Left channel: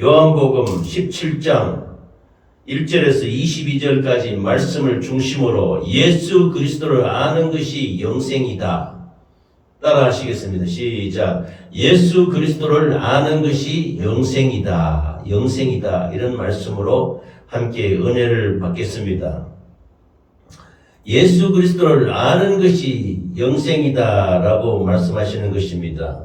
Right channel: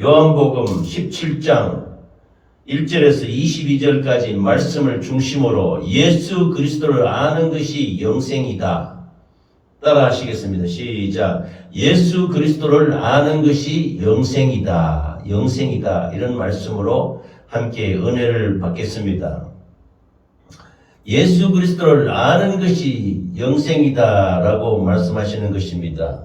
요한복음 17장 1절에서 22절까지 말씀을 중심으로 예수 그리스도를 아는 것이 영생이다. 따라 하시겠습니다. 시작. 예수 그리스도를 아는 것이 영생이다. 영생이다. 이런 말씀으로 함께 은혜를 받겠습니다. 예수 그리스도를 아는 것이 영생이다라고 말씀하시는 것입니다.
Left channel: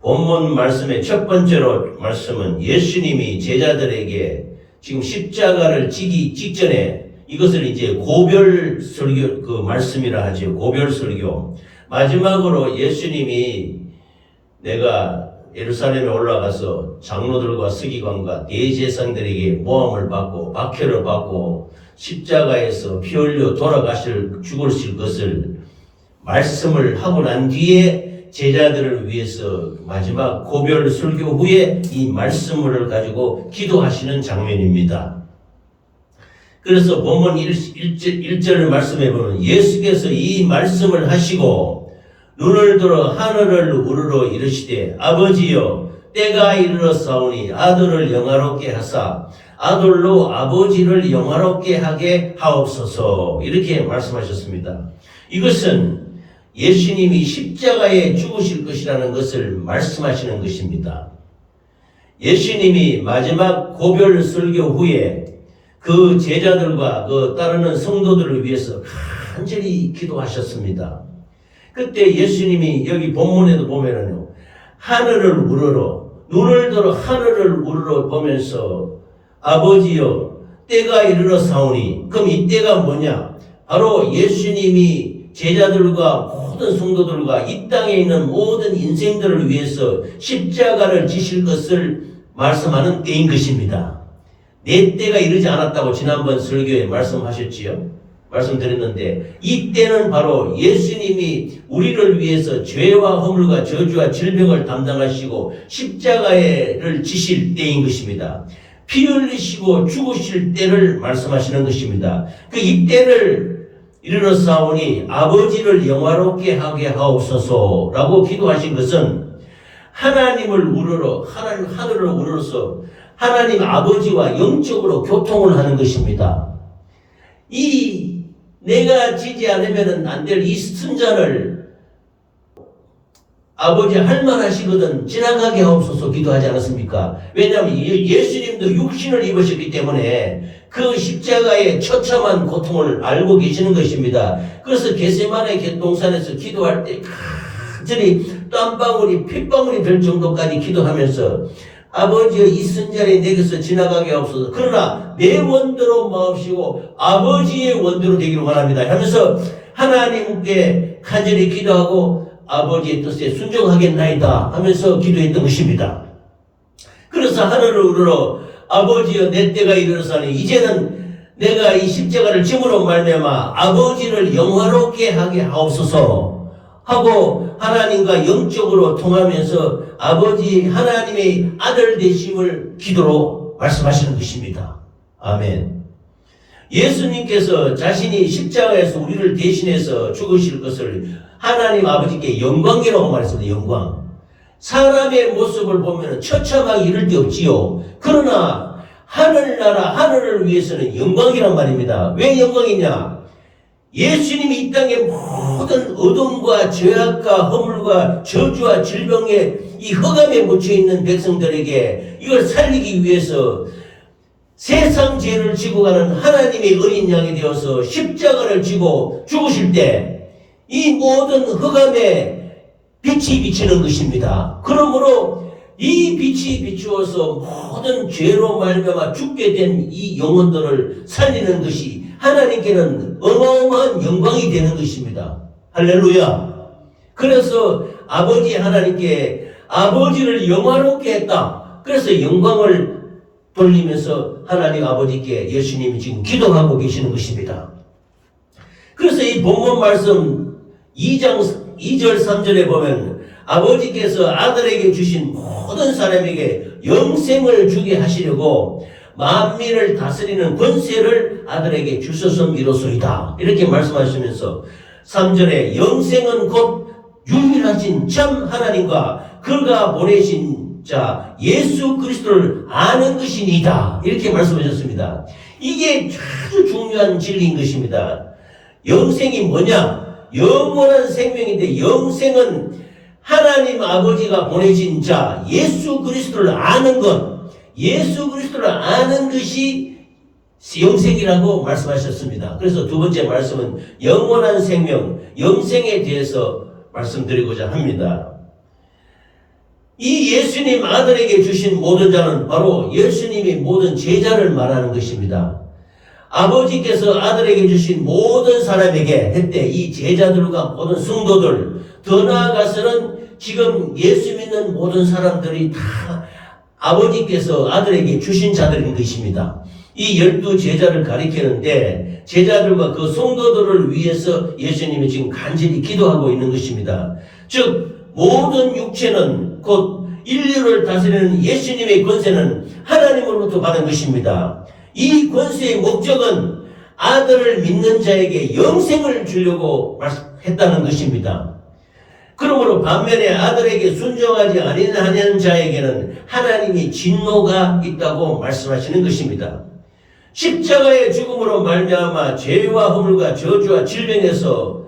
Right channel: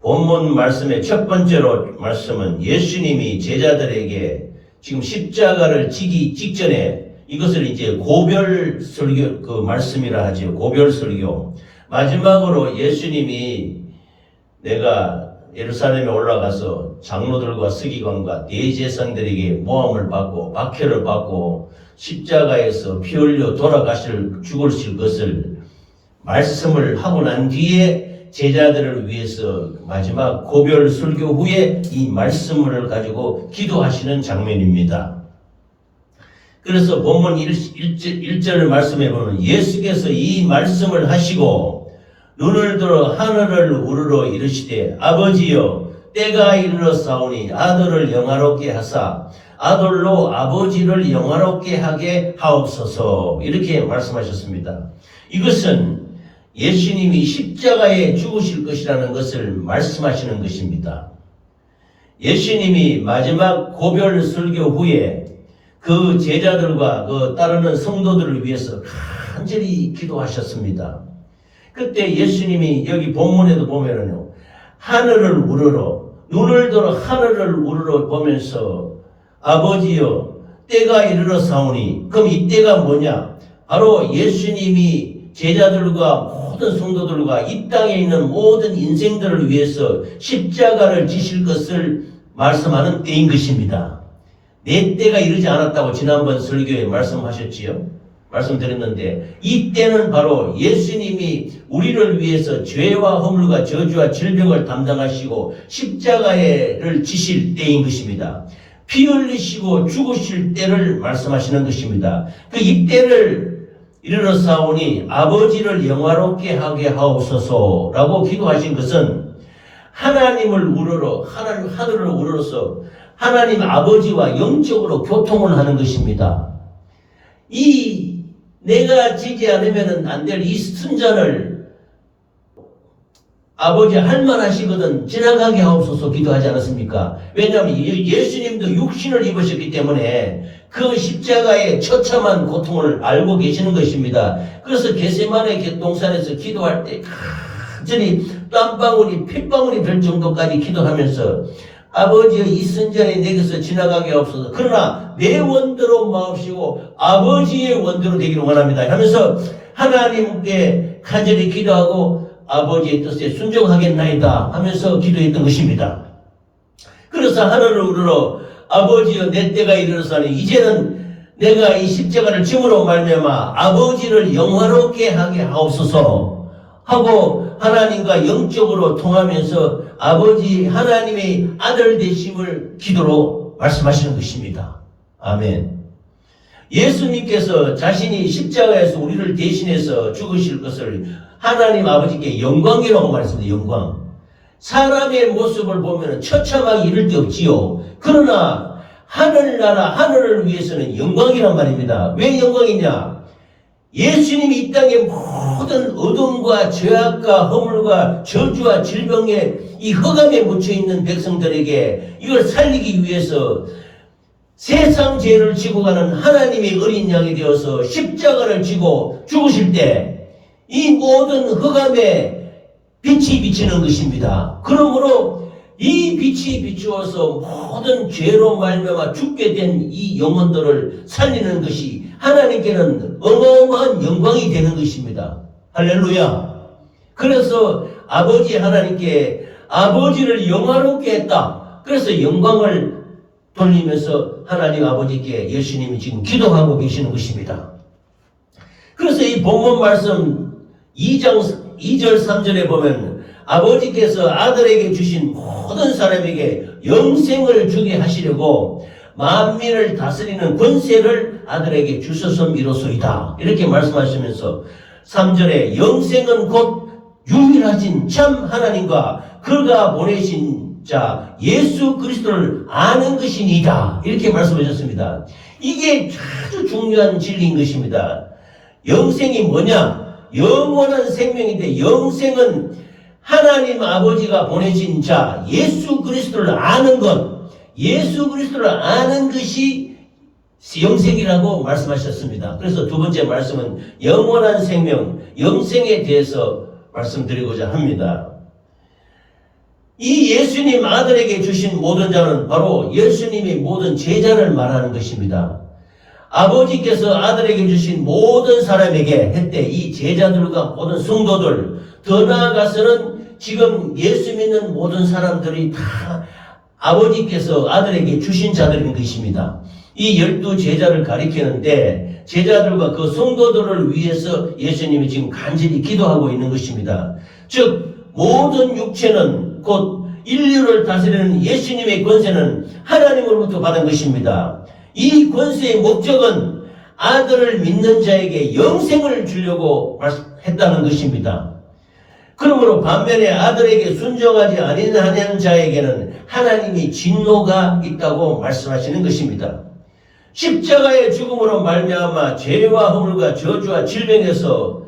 본문 말씀의 첫 번째로 말씀은 예수님이 제자들에게 지금 십자가를 지기 직전에 이것을 이제 고별 설교 그 말씀이라 하죠. 고별 설교. 마지막으로 예수님이 내가 예루살렘에 올라가서 장로들과 서기관과 대제사장들에게 모함을 받고 박해를 받고 십자가에서 피 흘려 죽으실 것을 말씀을 하고 난 뒤에 제자들을 위해서 마지막 고별 설교 후에 이 말씀을 가지고 기도하시는 장면입니다. 그래서 본문 1절 말씀에 보면 예수께서 이 말씀을 하시고 눈을 들어 하늘을 우러러 이르시되 아버지여 때가 이르렀사오니 아들을 영화롭게 하사 아들로 아버지를 영화롭게 하게 하옵소서. 이렇게 말씀하셨습니다. 이것은 예수님이 십자가에 죽으실 것이라는 것을 말씀하시는 것입니다. 예수님이 마지막 고별 설교 후에 그 제자들과 그 따르는 성도들을 위해서 간절히 기도하셨습니다. 그때 예수님이 여기 본문에도 보면은요, 하늘을 우러러, 눈을 들어 하늘을 우러러 보면서 아버지여 때가 이르렀사오니, 그럼 이 때가 뭐냐? 바로 예수님이 제자들과 모든 성도들과 이 땅에 있는 모든 인생들을 위해서 십자가를 지실 것을 말씀하는 때인 것입니다. 내 때가 이르지 않았다고 지난번 설교에 말씀하셨지요? 말씀드렸는데 이 때는 바로 예수님이 우리를 위해서 죄와 허물과 저주와 질병을 담당하시고 십자가를 지실 때인 것입니다. 피 흘리시고 죽으실 때를 말씀하시는 것입니다. 그 이 때를 이르렀사오니 아버지를 영화롭게 하게 하옵소서라고 기도하신 것은 하나님을 우러러 하늘을 우러러서 하나님 아버지와 영적으로 교통을 하는 것입니다. 이 내가 지지 않으면 안 될 이 순전을 아버지 할만하시거든 지나가게 하옵소서 기도하지 않았습니까? 왜냐하면 예수님도 육신을 입으셨기 때문에 그 십자가의 처참한 고통을 알고 계시는 것입니다. 그래서 겟세마네 동산에서 기도할 때 간절히 땀방울이 핏방울이 될 정도까지 기도하면서 아버지의 이 순전이 내게서 지나가게 하옵소서. 그러나 내 원대로 마옵시고 아버지의 원대로 되기를 원합니다 하면서 하나님께 간절히 기도하고 아버지의 뜻에 순종하겠나이다 하면서 기도했던 것입니다. 그래서 하늘을 우러러 아버지여 내 때가 이르렀사오니 이제는 내가 이 십자가를 짐으로 말미암아 아버지를 영화롭게 하게 하옵소서 하고 하나님과 영적으로 통하면서 아버지 하나님의 아들 되심을 기도로 말씀하시는 것입니다. 아멘. 예수님께서 자신이 십자가에서 우리를 대신해서 죽으실 것을 하나님 아버지께 영광이라고 말했습니다. 영광. 사람의 모습을 보면 처참하게 이를 데 없지요. 그러나 하늘나라 하늘을 위해서는 영광이란 말입니다. 왜 영광이냐? 예수님이 이 땅의 모든 어둠과 죄악과 허물과 저주와 질병에 이 흑암에 묻혀있는 백성들에게 이걸 살리기 위해서 세상 죄를 지고 가는 하나님의 어린 양이 되어서 십자가를 지고 죽으실 때 이 모든 흑암에 빛이 비치는 것입니다. 그러므로 이 빛이 비추어서 모든 죄로 말미암아 죽게 된 이 영혼들을 살리는 것이 하나님께는 어마어마한 영광이 되는 것입니다. 할렐루야. 그래서 아버지 하나님께 아버지를 영화롭게 했다. 그래서 영광을 돌리면서 하나님 아버지께 예수님이 지금 기도하고 계시는 것입니다. 그래서 이 본문 말씀 2절 3절에 보면 아버지께서 아들에게 주신 모든 사람에게 영생을 주게 하시려고 만민을 다스리는 권세를 아들에게 주셨음이로소이다. 이렇게 말씀하시면서 3절에 영생은 곧 유일하신 참 하나님과 그가 보내신 자 예수 그리스도를 아는 것이니이다. 이렇게 말씀하셨습니다. 이게 아주 중요한 진리인 것입니다. 영생이 뭐냐? 영원한 생명인데 영생은 하나님 아버지가 보내신 자 예수 그리스도를 아는 것, 예수 그리스도를 아는 것이 영생이라고 말씀하셨습니다. 그래서 두 번째 말씀은 영원한 생명, 영생에 대해서 말씀드리고자 합니다. 이 예수님 아들에게 주신 모든 자는 바로 예수님의 모든 제자를 말하는 것입니다. 아버지께서 아들에게 주신 모든 사람에게 했대 이 제자들과 모든 성도들, 더 나아가서는 지금 예수 믿는 모든 사람들이 다 아버지께서 아들에게 주신 자들인 것입니다. 이 12제자를 가리키는데 제자들과 그 성도들을 위해서 예수님이 지금 간절히 기도하고 있는 것입니다. 즉 모든 육체는 곧 인류를 다스리는 예수님의 권세는 하나님으로부터 받은 것입니다. 이 권세의 목적은 아들을 믿는 자에게 영생을 주려고 했다는 것입니다. 그러므로 반면에 아들에게 순종하지 아니하는 자에게는 하나님이 진노가 있다고 말씀하시는 것입니다. 십자가의 죽음으로 말미암아 죄와 허물과 저주와 질병에서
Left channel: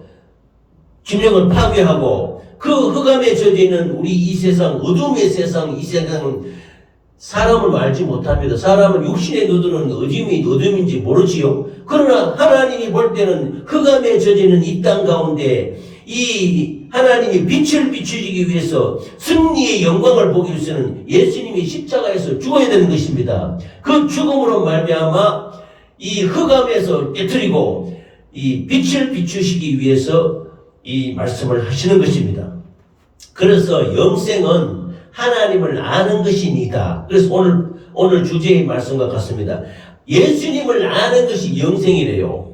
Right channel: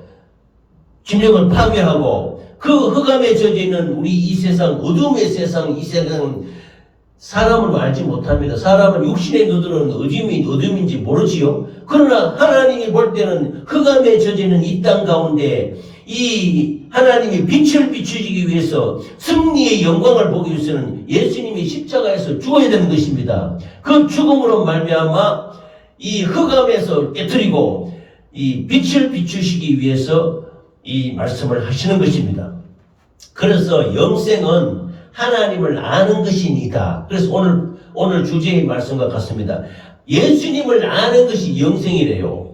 균형을 파괴하고 그 흑암에 젖어 있는 우리 이 세상, 어둠의 세상, 이 세상은 사람을 알지 못합니다. 사람은 육신의 눈으로는 어둠인지 모르지요. 그러나 하나님이 볼 때는 흑암에 젖어 있는 이 땅 가운데 이 하나님이 빛을 비추기 위해서 승리의 영광을 보기 위해서는 예수님이 십자가에서 죽어야 되는 것입니다. 그 죽음으로 말미암아 이 흑암에서 깨뜨리고 이 빛을 비추시기 위해서 이 말씀을 하시는 것입니다. 그래서 영생은 하나님을 아는 것이니까. 그래서 오늘 주제의 말씀과 같습니다. 예수님을 아는 것이 영생이래요.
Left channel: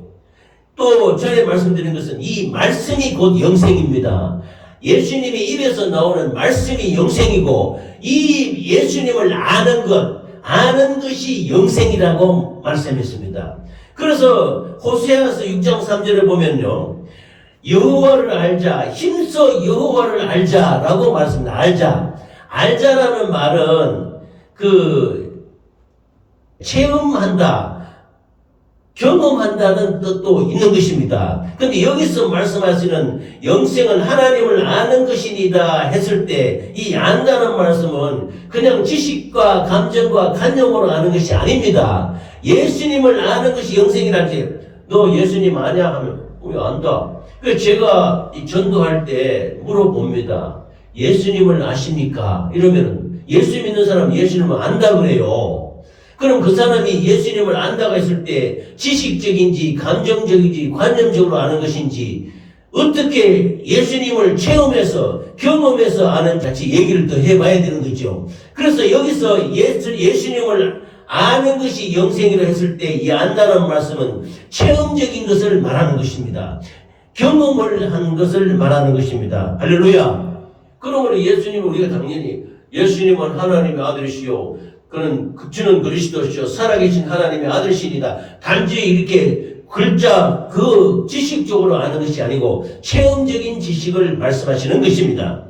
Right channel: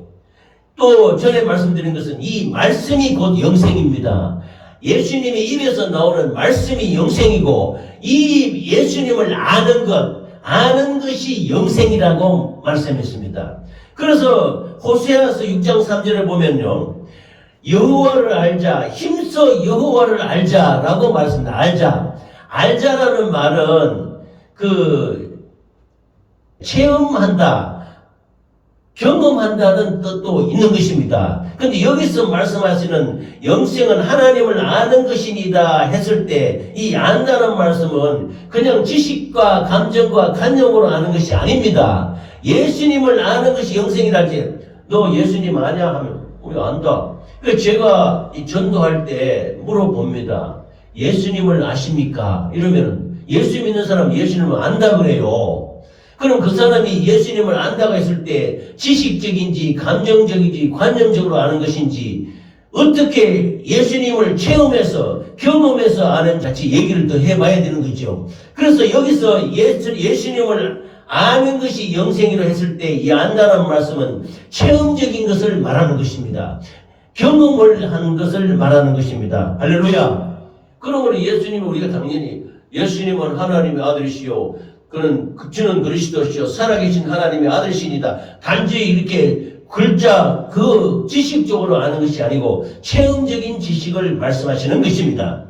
또 전에 말씀드린 것은 이 말씀이 곧 영생입니다. 예수님이 입에서 나오는 말씀이 영생이고 이 예수님을 아는 것이 영생이라고 말씀했습니다. 그래서 호세아서 6장 3절에 보면요. 여호와를 알자, 힘써 여호와를 알자라고 말씀합니다. 알자라는 말은 체험한다, 경험한다는 뜻도 있는 것입니다. 그런데 여기서 말씀하시는 영생은 하나님을 아는 것이니다 했을 때 이 안다는 말씀은 그냥 지식과 감정과 간념으로 아는 것이 아닙니다. 예수님을 아는 것이 영생이라 할지 너 예수님 아냐 하면 왜 안다. 그래서 제가 전도할 때 물어봅니다. 예수님을 아십니까? 이러면 예수 믿는 사람 예수님을 안다 그래요. 그럼 그 사람이 예수님을 안다고 했을 때 지식적인지 감정적인지 관념적으로 아는 것인지 어떻게 예수님을 체험해서 경험해서 아는 같이 얘기를 더 해봐야 되는 거죠. 그래서 여기서 예수님을 아는 것이 영생이라 했을 때 이 안다는 말씀은 체험적인 것을 말하는 것입니다. 경험을 한 것을 말하는 것입니다. 할렐루야. 그러므로 예수님은 우리가 당연히 예수님은 하나님의 아들이시요 주는 그리스도시요 살아계신 하나님의 아들이시니다. 단지 이렇게 글자 지식적으로 아는 것이 아니고 체험적인 지식을 말씀하시는 것입니다.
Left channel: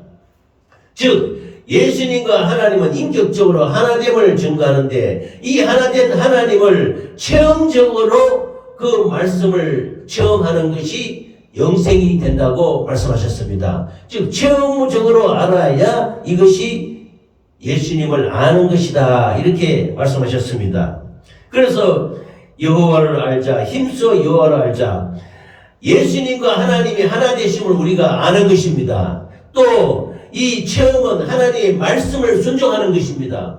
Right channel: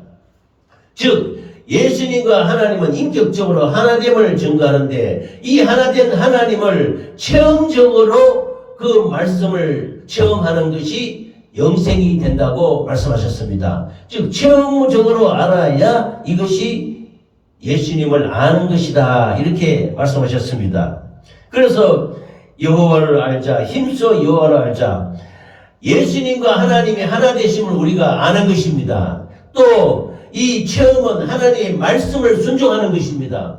즉 예수님과 하나님은 인격적으로 하나됨을 증거하는데 이 하나된 하나님을 체험적으로 그 말씀을 체험하는 것이 영생이 된다고 말씀하셨습니다. 즉 체험적으로 알아야 이것이 예수님을 아는 것이다 이렇게 말씀하셨습니다. 그래서 여호와를 알자, 힘써 여호와를 알자. 예수님과 하나님이 하나 되심을 우리가 아는 것입니다. 또 이 체험은 하나님의 말씀을 순종하는 것입니다.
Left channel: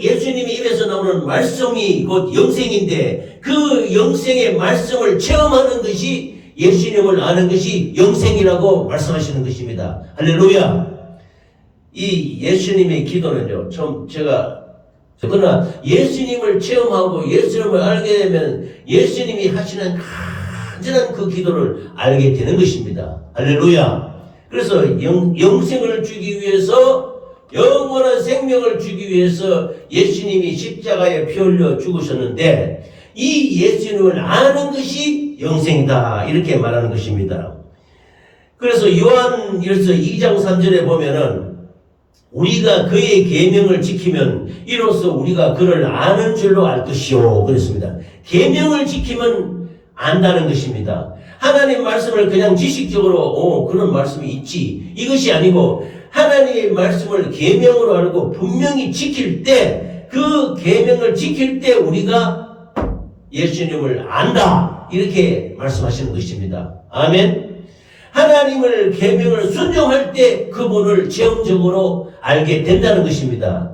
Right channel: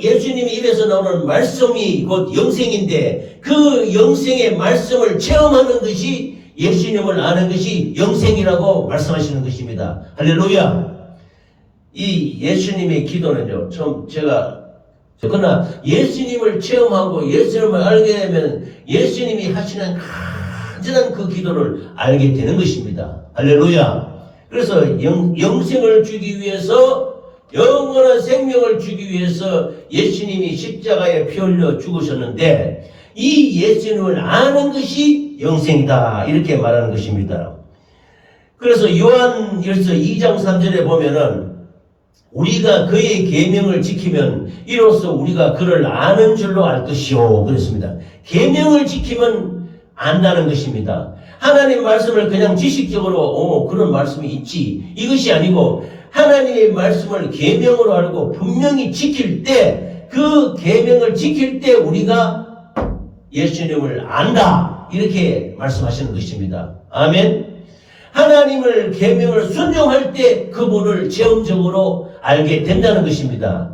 예수님이 입에서 나오는 말씀이 곧 영생인데 그 영생의 말씀을 체험하는 것이 예수님을 아는 것이 영생이라고 말씀하시는 것입니다. 할렐루야. 이 예수님의 기도는요, 그러나 예수님을 체험하고 예수님을 알게 되면 예수님이 하시는 간절한 그 기도를 알게 되는 것입니다. 할렐루야. 그래서 영생을 주기 위해서, 영원한 생명을 주기 위해서 예수님이 십자가에 피 흘려 죽으셨는데 이 예수님을 아는 것이 영생이다 이렇게 말하는 것입니다. 그래서 요한일서 2장 3절에 보면은 우리가 그의 계명을 지키면 이로써 우리가 그를 아는 줄로 알 것이요. 그랬습니다. 계명을 지키면 안다는 것입니다. 하나님 말씀을 그냥 지식적으로 그런 말씀이 있지 이것이 아니고 하나님의 말씀을 계명으로 알고 분명히 지킬 때 그 계명을 지킬 때 우리가 예수님을 안다 이렇게 말씀하시는 것입니다. 아멘. 하나님을 계명을 순종할 때 그분을 체험적으로 알게 된다는 것입니다.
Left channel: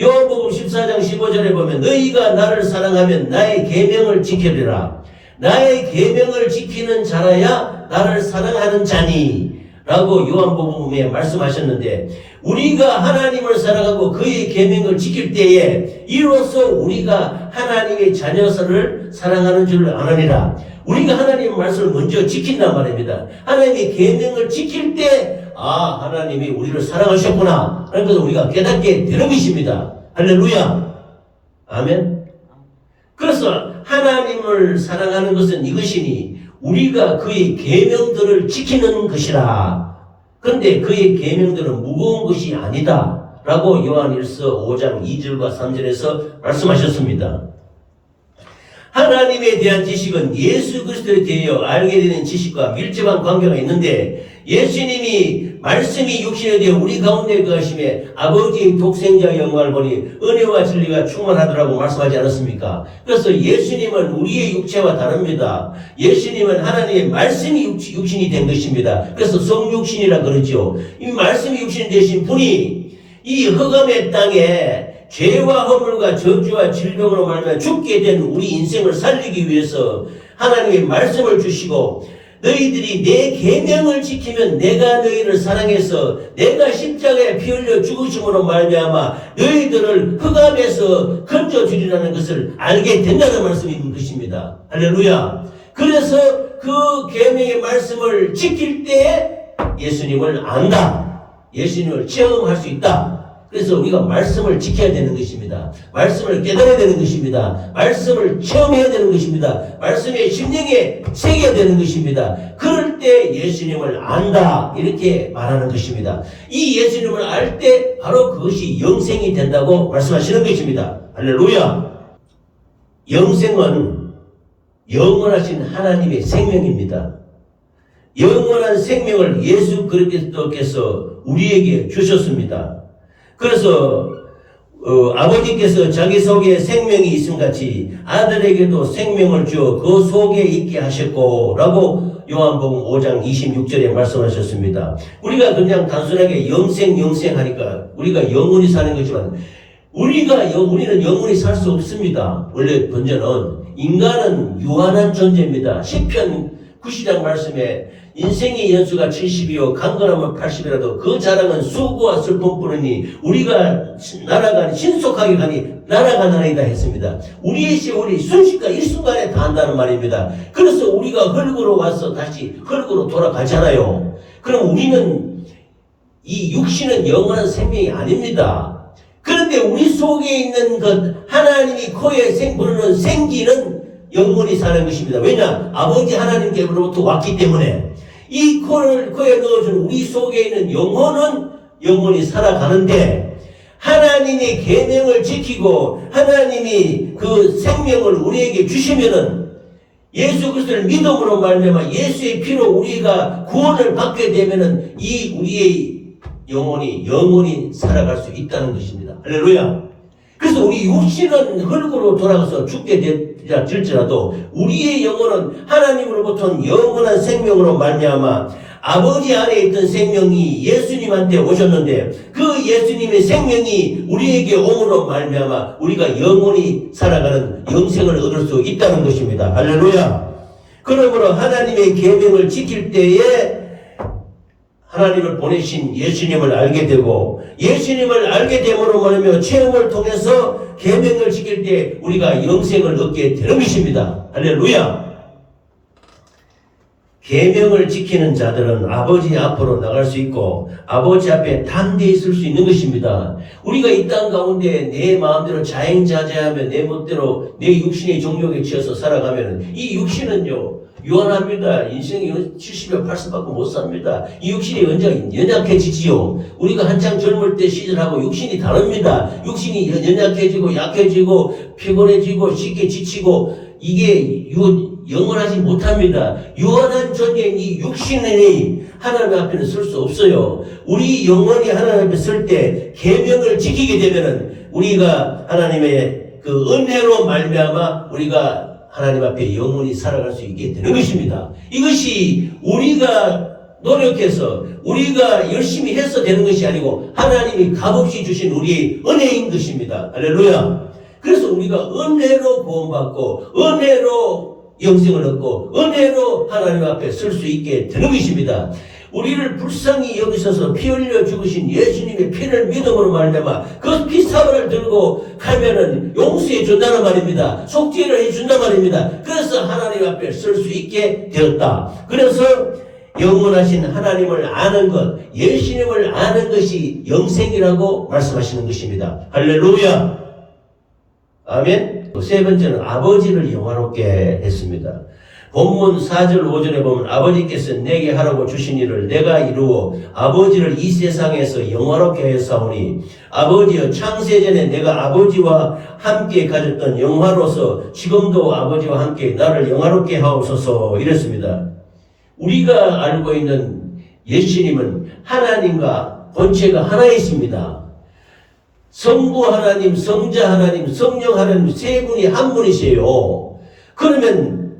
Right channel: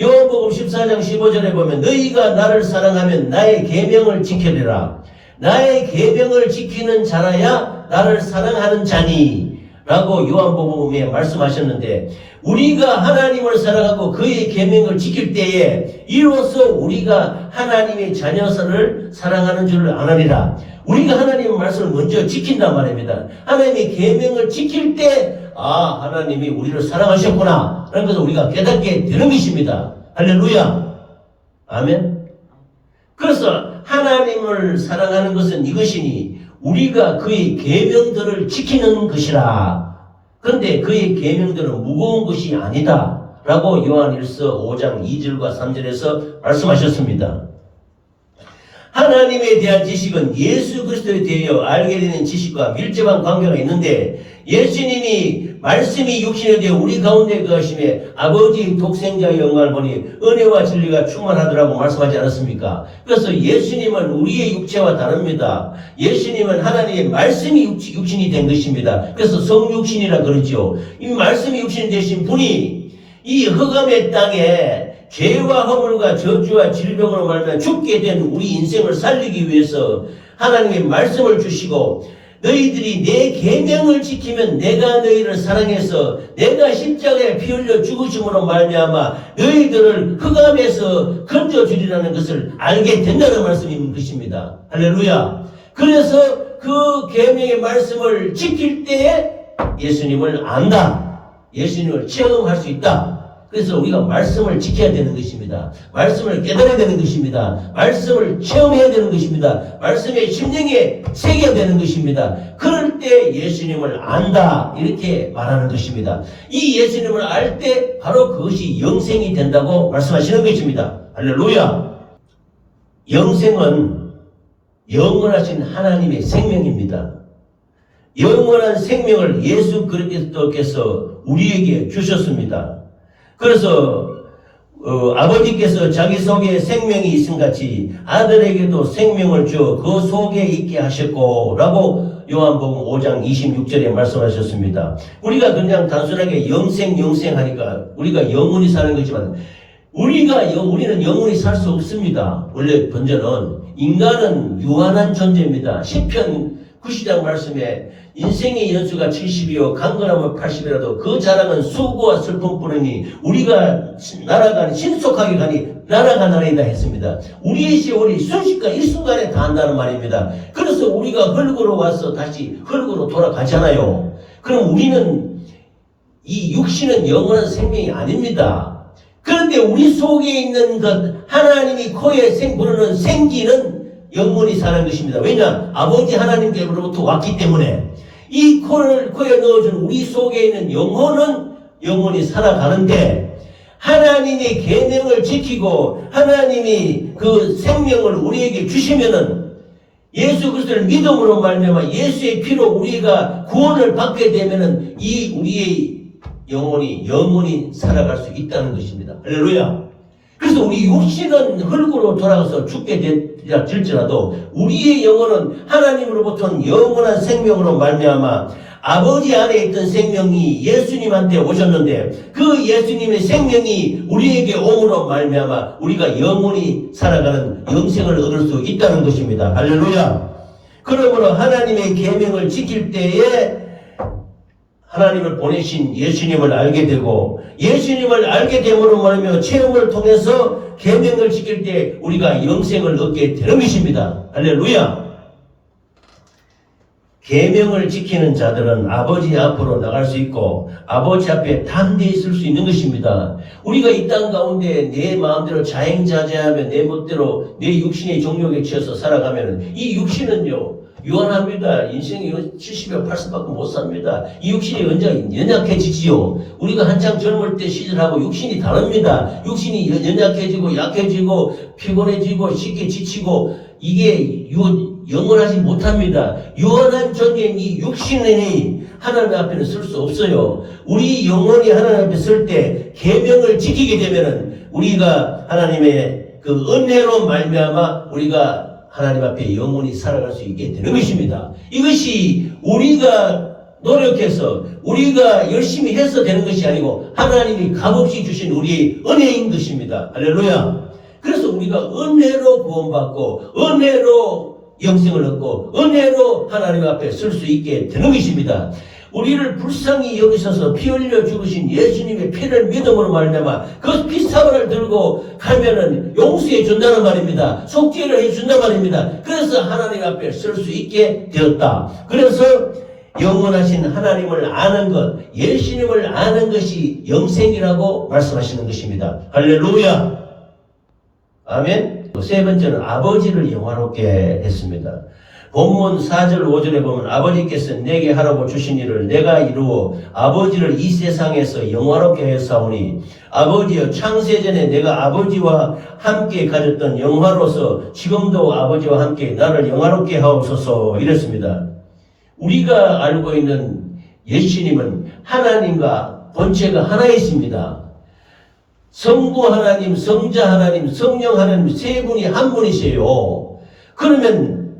요한복음 14장 15절에 보면 너희가 나를 사랑하면 나의 계명을 지키리라. 나의 계명을 지키는 자라야 나를 사랑하는 자니 라고 요한복음에 말씀하셨는데 우리가 하나님을 사랑하고 그의 계명을 지킬 때에 이로써 우리가 하나님의 자녀를 사랑하는 줄을 아느니라. 우리가 하나님의 말씀을 먼저 지킨단 말입니다. 하나님의 계명을 지킬 때 하나님이 우리를 사랑하셨구나 라는 것을 우리가 깨닫게 되는 것입니다. 할렐루야. 아멘. 그래서 하나님을 사랑하는 것은 이것이니 우리가 그의 계명들을 지키는 것이라. 그런데 그의 계명들은 무거운 것이 아니다 라고 요한일서 5장 2절과 3절에서 말씀하셨습니다. 하나님에 대한 지식은 예수 그리스도에 대하여 알게 되는 지식과 밀접한 관계가 있는데 예수님이 말씀이 육신에 대해 우리 가운데 거하심에 아버지의 독생자의 영광을 보니 은혜와 진리가 충만하더라고 말씀하지 않았습니까? 그래서 예수님은 우리의 육체와 다릅니다. 예수님은 하나님의 말씀이 육신이 된 것입니다. 그래서 성육신이라 그러죠. 이 말씀이 육신이 되신 분이 이 흑암의 땅에 죄와 허물과 저주와 질병으로 말하면 죽게 된 우리 인생을 살리기 위해서 하나님의 말씀을 주시고 너희들이 내 계명을 지키면 내가 너희를 사랑해서 내가 십자가에 피 흘려 죽으심으로 말미암아 너희들을 흑암에서 건져주리라는 것을 알게 된다는 말씀인 것입니다. 할렐루야. 그래서 그 계명의 말씀을 지킬 때에 예수님을 안다. 예수님을 체험할 수 있다. 그래서 우리가 말씀을 지켜야 되는 것입니다. 말씀을 깨달아야 되는 것입니다. 말씀을 체험해야 되는 것입니다. 말씀의 심령에 새겨야 되는 것입니다. 그럴 때 예수님을 안다 이렇게 말하는 것입니다. 이 예수님을 알 때 바로 그것이 영생이 된다고 말씀하시는 것입니다. 할렐루야. 영생은 영원하신 하나님의 생명입니다. 영원한 생명을 예수 그리스도께서 우리에게 주셨습니다. 그래서 아버지께서 자기 속에 생명이 있음 같이 아들에게도 생명을 주어 그 속에 있게 하셨고 라고 요한복음 5장 26절에 말씀하셨습니다. 우리가 그냥 단순하게 영생하니까 우리가 영원히 사는 거지만 우리는 영원히 살 수 없습니다. 원래 번전은 인간은 유한한 존재입니다. 시편 90장 말씀에 인생의 연수가 70이요 강건하면 80이라도 그 자랑은 수고와 슬픔뿐이니 우리가 신속하게 가니 날아가나이다 했습니다. 우리의 세월이 순식간 일순간에 다 한다는 말입니다. 그래서 우리가 흙으로 와서 다시 흙으로 돌아가잖아요. 그럼 우리는 이 육신은 영원한 생명이 아닙니다. 그런데 우리 속에 있는 것 하나님이 코에 부르는 생기는 영원히 사는 것입니다. 왜냐? 아버지 하나님께로부터 왔기 때문에 이 코에 넣어준 우리 속에 있는 영혼은 영원히 살아가는데 하나님이 계명을 지키고 하나님이 그 생명을 우리에게 주시면은 예수 그리스도를 믿음으로 말미암아 예수의 피로 우리가 구원을 받게 되면은 이 우리의 영혼이 살아갈 수 있다는 것입니다. 할렐루야. 그래서 우리 육신은 흙으로 돌아가서 죽게 될지라도 우리의 영혼은 하나님으로부터 영원한 생명으로 말미암아 아버지 안에 있던 생명이 예수님한테 오셨는데 그 예수님의 생명이 우리에게 옴으로 말미암아 우리가 영원히 살아가는 영생을 얻을 수 있다는 것입니다. 할렐루야. 그러므로 하나님의 계명을 지킬 때에 하나님을 보내신 예수님을 알게 되고 예수님을 알게 됨으로 말하며 체험을 통해서 계명을 지킬 때 우리가 영생을 얻게 되는 것입니다. 할렐루야. 계명을 지키는 자들은 아버지 앞으로 나갈 수 있고 아버지 앞에 담대히 있을 수 있는 것입니다. 우리가 이 땅 가운데 내 마음대로 자행자재하며 내 멋대로 내 육신의 정욕에 치여서 살아가면 이 육신은요 유한합니다. 인생이 70여 80밖에 못 삽니다. 이 육신이 연약해지지요. 우리가 한창 젊을 때 시절하고 육신이 다릅니다. 육신이 연약해지고 약해지고 피곤해지고 쉽게 지치고 이게 영원하지 못합니다. 유한한 존재인 이 육신이 하나님 앞에는 설 수 없어요. 우리 영혼이 하나님 앞에 설 때 계명을 지키게 되면은 우리가 하나님의 그 은혜로 말미암아 우리가 하나님 앞에 영원히 살아갈 수 있게 되는 것입니다. 이것이 우리가 노력해서 우리가 열심히 해서 되는 것이 아니고 하나님이 값없이 주신 우리의 은혜인 것입니다. 할렐루야. 그래서 우리가 은혜로 구원받고 은혜로 영생을 얻고 은혜로 하나님 앞에 설 수 있게 되는 것입니다. 우리를 불쌍히 여기셔서 피 흘려 죽으신 예수님의 피를 믿음으로 말미암아 그 피사발을 들고 가면은 용서해 준다는 말입니다. 속죄를 해 준다는 말입니다. 그래서 하나님 앞에 설 수 있게 되었다. 그래서 영원하신 하나님을 아는 것, 예수님을 아는 것이 영생이라고 말씀하시는 것입니다. 할렐루야. 아멘. 세 번째는 아버지를 영화롭게 했습니다. 본문 4절 5절에 보면 아버지께서 내게 하라고 주신 일을 내가 이루어 아버지를 이 세상에서 영화롭게 했사오니 아버지여 창세전에 내가 아버지와 함께 가졌던 영화로서 지금도 아버지와 함께 나를 영화롭게 하옵소서 이랬습니다. 우리가 알고 있는 예수님은 하나님과 본체가 하나이십니다. 성부 하나님, 성자 하나님, 성령 하나님 세 분이 한 분이세요. 그러면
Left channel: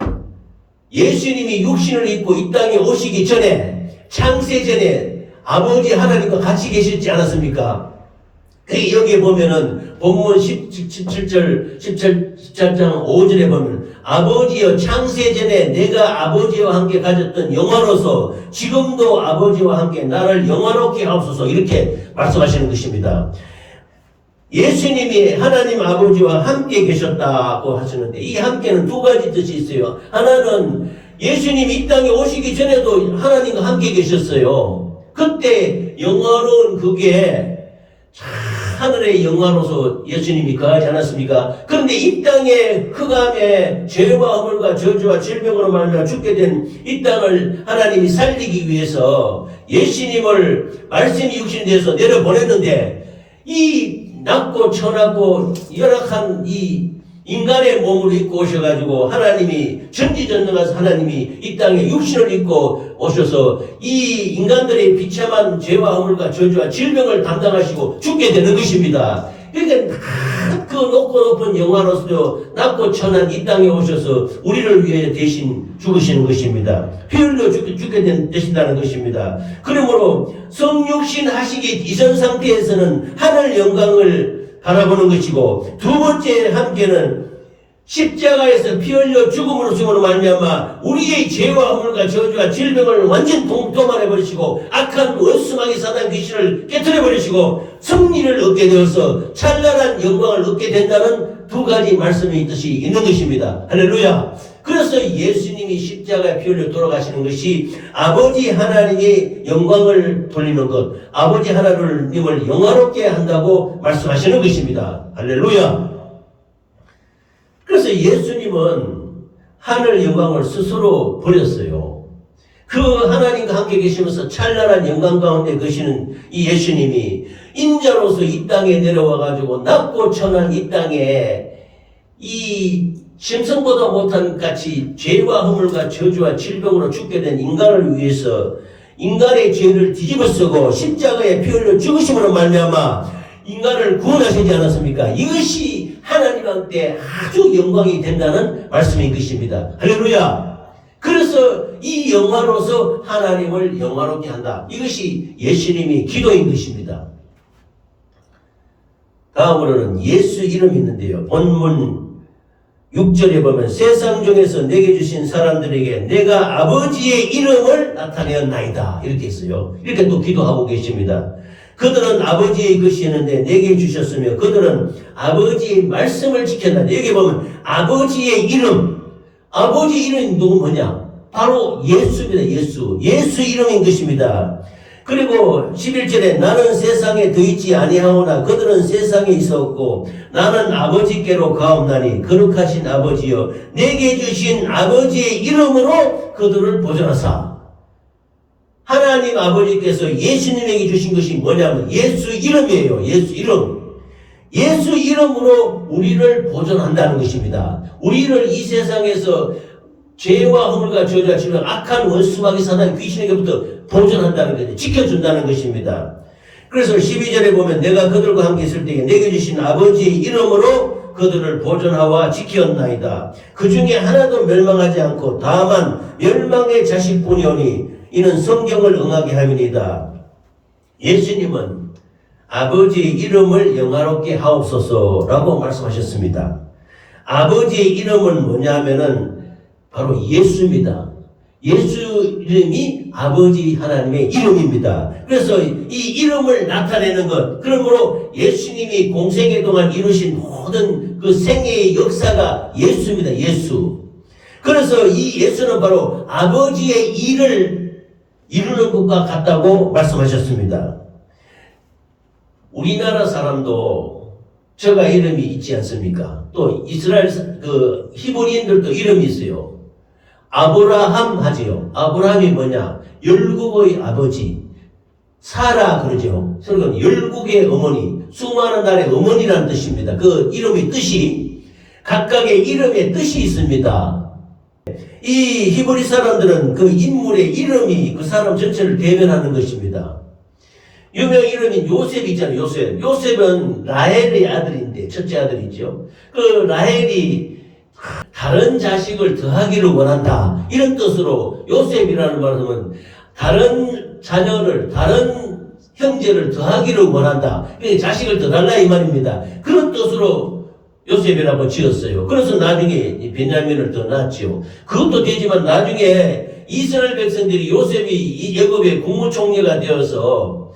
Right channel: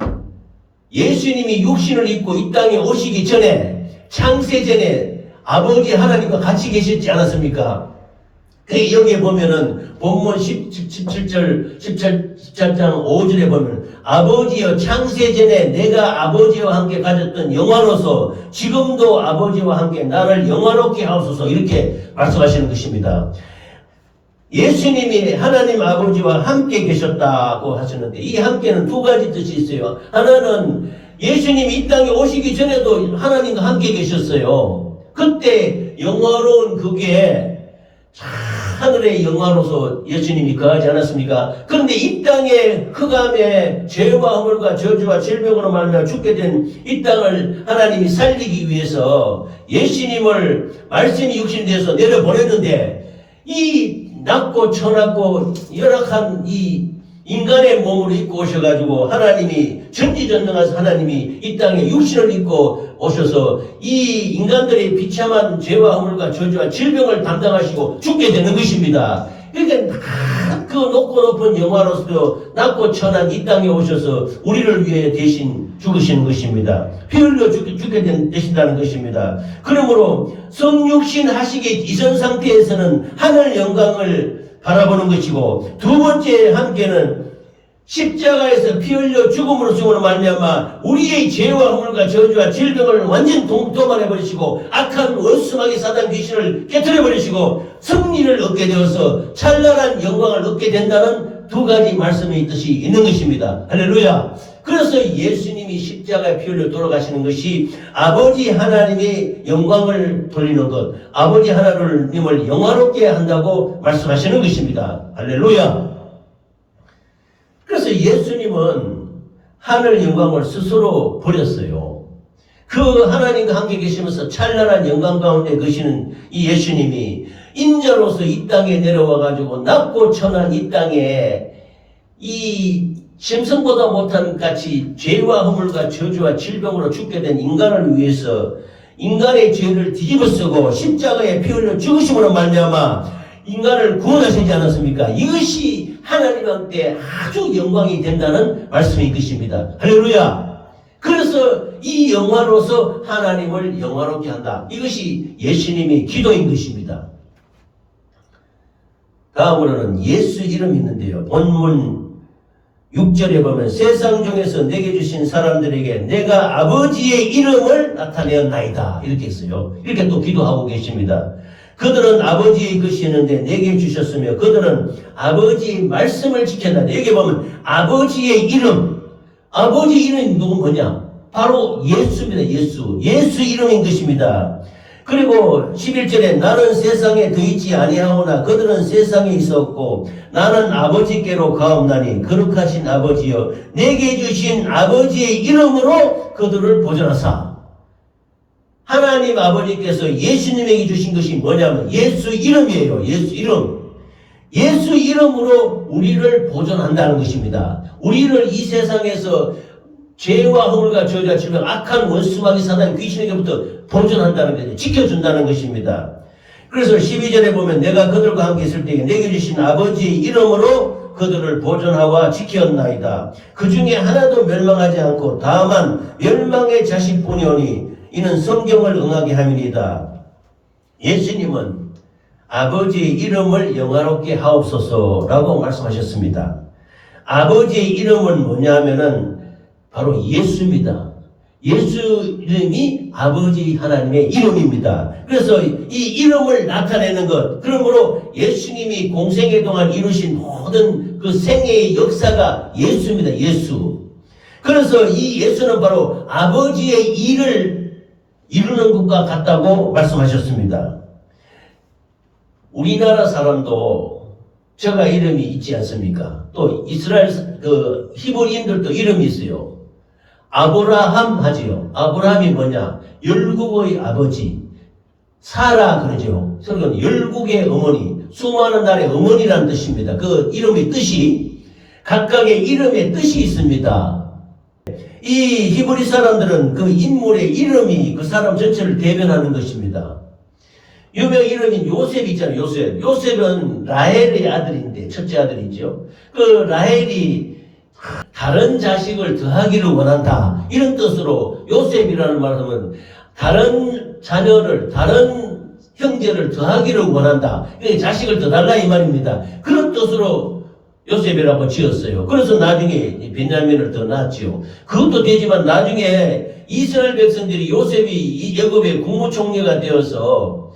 예수님이 육신을 입고 이 땅에 오시기 전에 창세전에 아버지 하나님과 같이 계셨지 않았습니까? 여기에 보면은 본문 17장 5절에 보면 아버지여 창세전에 내가 아버지와 함께 가졌던 영화로서 지금도 아버지와 함께 나를 영화롭게 하옵소서 이렇게 말씀하시는 것입니다. 예수님이 하나님 아버지와 함께 계셨다고 하시는데 이 함께는 두 가지 뜻이 있어요. 하나는 예수님이 이 땅에 오시기 전에도 하나님과 함께 계셨어요. 그때 영화로운 그게 하늘의 영화로서 예수님이 거하지 않았습니까? 그런데 이 땅에 흑암에 죄와 허물과 저주와 질병으로 말미암아 죽게 된 이 땅을 하나님이 살리기 위해서 예수님을 말씀이 육신돼서 내려보냈는데 이 낮고 천하고 열악한 이 인간의 몸을 입고 오셔가지고 하나님이 전지전능하신 하나님이 이 땅에 육신을 입고 오셔서 이 인간들의 비참한 죄와 허물과 저주와 질병을 담당하시고 죽게 되는 것입니다. 그러니까 그 높고 높은 영화로서도 낮고 천한 이 땅에 오셔서 우리를 위해 대신 죽으시는 것입니다. 피 흘려 죽게 되신다는 것입니다. 그러므로 성육신 하시기 이전 상태에서는 하늘 영광을 바라보는 것이고 두 번째 함께는 십자가에서 피 흘려 죽음으로 말미암아 우리의 죄와 허물과 저주와 질병을 완전 도말해버리시고 악한 원수마귀 사단 귀신을 깨트려버리시고 승리를 얻게 되어서 찬란한 영광을 얻게 된다는 두 가지 말씀의 뜻이 있는 것입니다. 할렐루야. 그래서 예수님이 십자가에 피 흘려 돌아가시는 것이 아버지 하나님의 영광을 돌리는 것, 아버지 하나님을 영화롭게 한다고 말씀하시는 것입니다. 할렐루야. 그래서 예수님은 하늘 영광을 스스로 버렸어요. 그 하나님과 함께 계시면서 찬란한 영광 가운데 계시는 이 예수님이 인자로서 이 땅에 내려와가지고 낮고 천한 이 땅에 이 짐승보다 못한 같이 죄와 허물과 저주와 질병으로 죽게 된 인간을 위해서 인간의 죄를 뒤집어쓰고 십자가에 피 흘려 죽으심으로 말미암아 인간을 구원하시지 않았습니까? 이것이 하나님한테 아주 영광이 된다는 말씀인 것입니다. 할렐루야. 그래서 이 영화로서 하나님을 영화롭게 한다. 이것이 예수님의 기도인 것입니다. 다음으로는 예수 이름이 있는데요. 본문 6절에 보면 세상 중에서 내게 주신 사람들에게 내가 아버지의 이름을 나타내었나이다. 이렇게 했어요. 이렇게 또 기도하고 계십니다. 그들은 아버지의 것이었는데 내게 주셨으며 그들은 아버지의 말씀을 지켰다. 여기 보면 아버지의 이름, 아버지 이름이 누구냐? 바로 예수입니다. 예수 이름인 것입니다. 그리고 11절에 나는 세상에 더 있지 아니하오나 그들은 세상에 있었고 나는 아버지께로 가옵나니 거룩하신 아버지여 내게 주신 아버지의 이름으로 그들을 보존하사. 하나님 아버지께서 예수님에게 주신 것이 뭐냐면 예수 이름이에요. 예수 이름. 예수 이름으로 우리를 보존한다는 것입니다. 우리를 이 세상에서 죄와 허물과 저주와 질병 악한 원수마귀 사단 귀신에게부터 보존한다는 것이 지켜준다는 것입니다. 그래서 12절에 보면 내가 그들과 함께 있을 때에 내게 주신 아버지의 이름으로 그들을 보존하와 지켰나이다. 그 중에 하나도 멸망하지 않고 다만 멸망의 자식뿐이오니 이는 성경을 응하게 함이니이다. 예수님은 아버지의 이름을 영화롭게 하옵소서라고 말씀하셨습니다. 아버지의 이름은 뭐냐면은 바로 예수입니다. 예수 이름이 아버지 하나님의 이름입니다. 그래서 이 이름을 나타내는 것, 그러므로 예수님이 공생애 동안 이루신 모든 그 생애의 역사가 예수입니다. 예수. 그래서 이 예수는 바로 아버지의 일을 이루는 것과 같다고 말씀하셨습니다. 우리나라 사람도 저가 이름이 있지 않습니까? 또 이스라엘 그 히브리인들도 이름이 있어요. 아브라함 하지요. 아브라함이 뭐냐? 열국의 아버지. 사라 그러죠. 그러니까 열국의 어머니, 수많은 나라의 어머니라는 뜻입니다. 그 이름의 뜻이 각각의 이름의 뜻이 있습니다. 이 히브리 사람들은 그 인물의 이름이 그 사람 전체를 대변하는 것입니다. 유명 이름인 요셉 있잖아요. 요셉. 요셉은 라헬의 아들인데 첫째 아들이죠. 그 라헬이 다른 자식을 더하기를 원한다. 이런 뜻으로 요셉이라는 말은 다른 자녀를, 다른 형제를 더하기를 원한다. 자식을 더 달라 이 말입니다. 그런 뜻으로 요셉이라고 지었어요. 그래서 나중에 베냐민을 더 낳았죠. 그것도 되지만 나중에 이스라엘 백성들이 요셉이 이 애굽의 국무총리가 되어서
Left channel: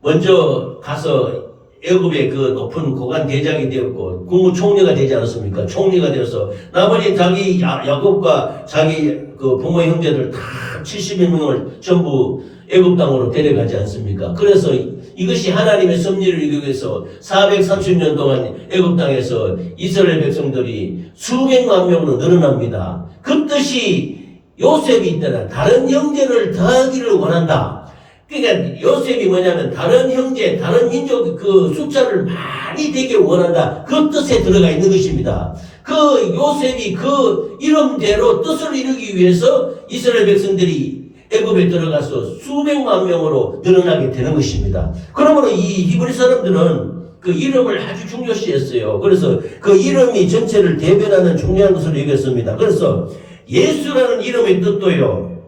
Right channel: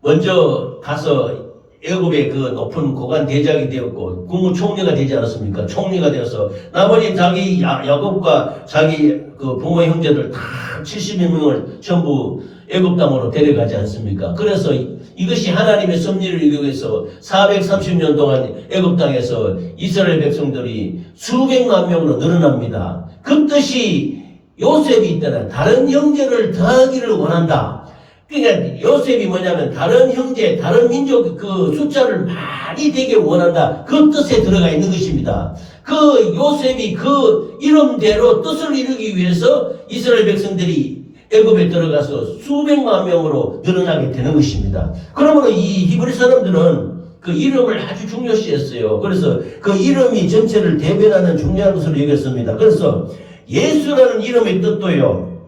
먼저 가서 애굽의 그 높은 고관 대장이 되었고 국무총리가 되지 않았습니까? 총리가 되어서 나머지 자기 야곱과 자기 그 부모 형제들 다 71명을 전부 애굽 땅으로 데려가지 않습니까? 그래서 이것이 하나님의 섭리를 이루기 위해서 430년 동안 애굽 땅에서 이스라엘 백성들이 수백만 명으로 늘어납니다. 그 뜻이 요셉이 있다는 다른 형제를 더하기를 원한다. 그러니까 요셉이 뭐냐면 다른 형제, 다른 민족 그 숫자를 많이 되게 원한다. 그 뜻에 들어가 있는 것입니다. 그 요셉이 그 이름대로 뜻을 이루기 위해서 이스라엘 백성들이 애굽에 들어가서 수백만 명으로 늘어나게 되는 것입니다. 그러므로 이 히브리 사람들은 그 이름을 아주 중요시했어요. 그래서 그 이름이 전체를 대변하는 중요한 것으로 여겼습니다. 그래서 예수라는 이름의 뜻도요.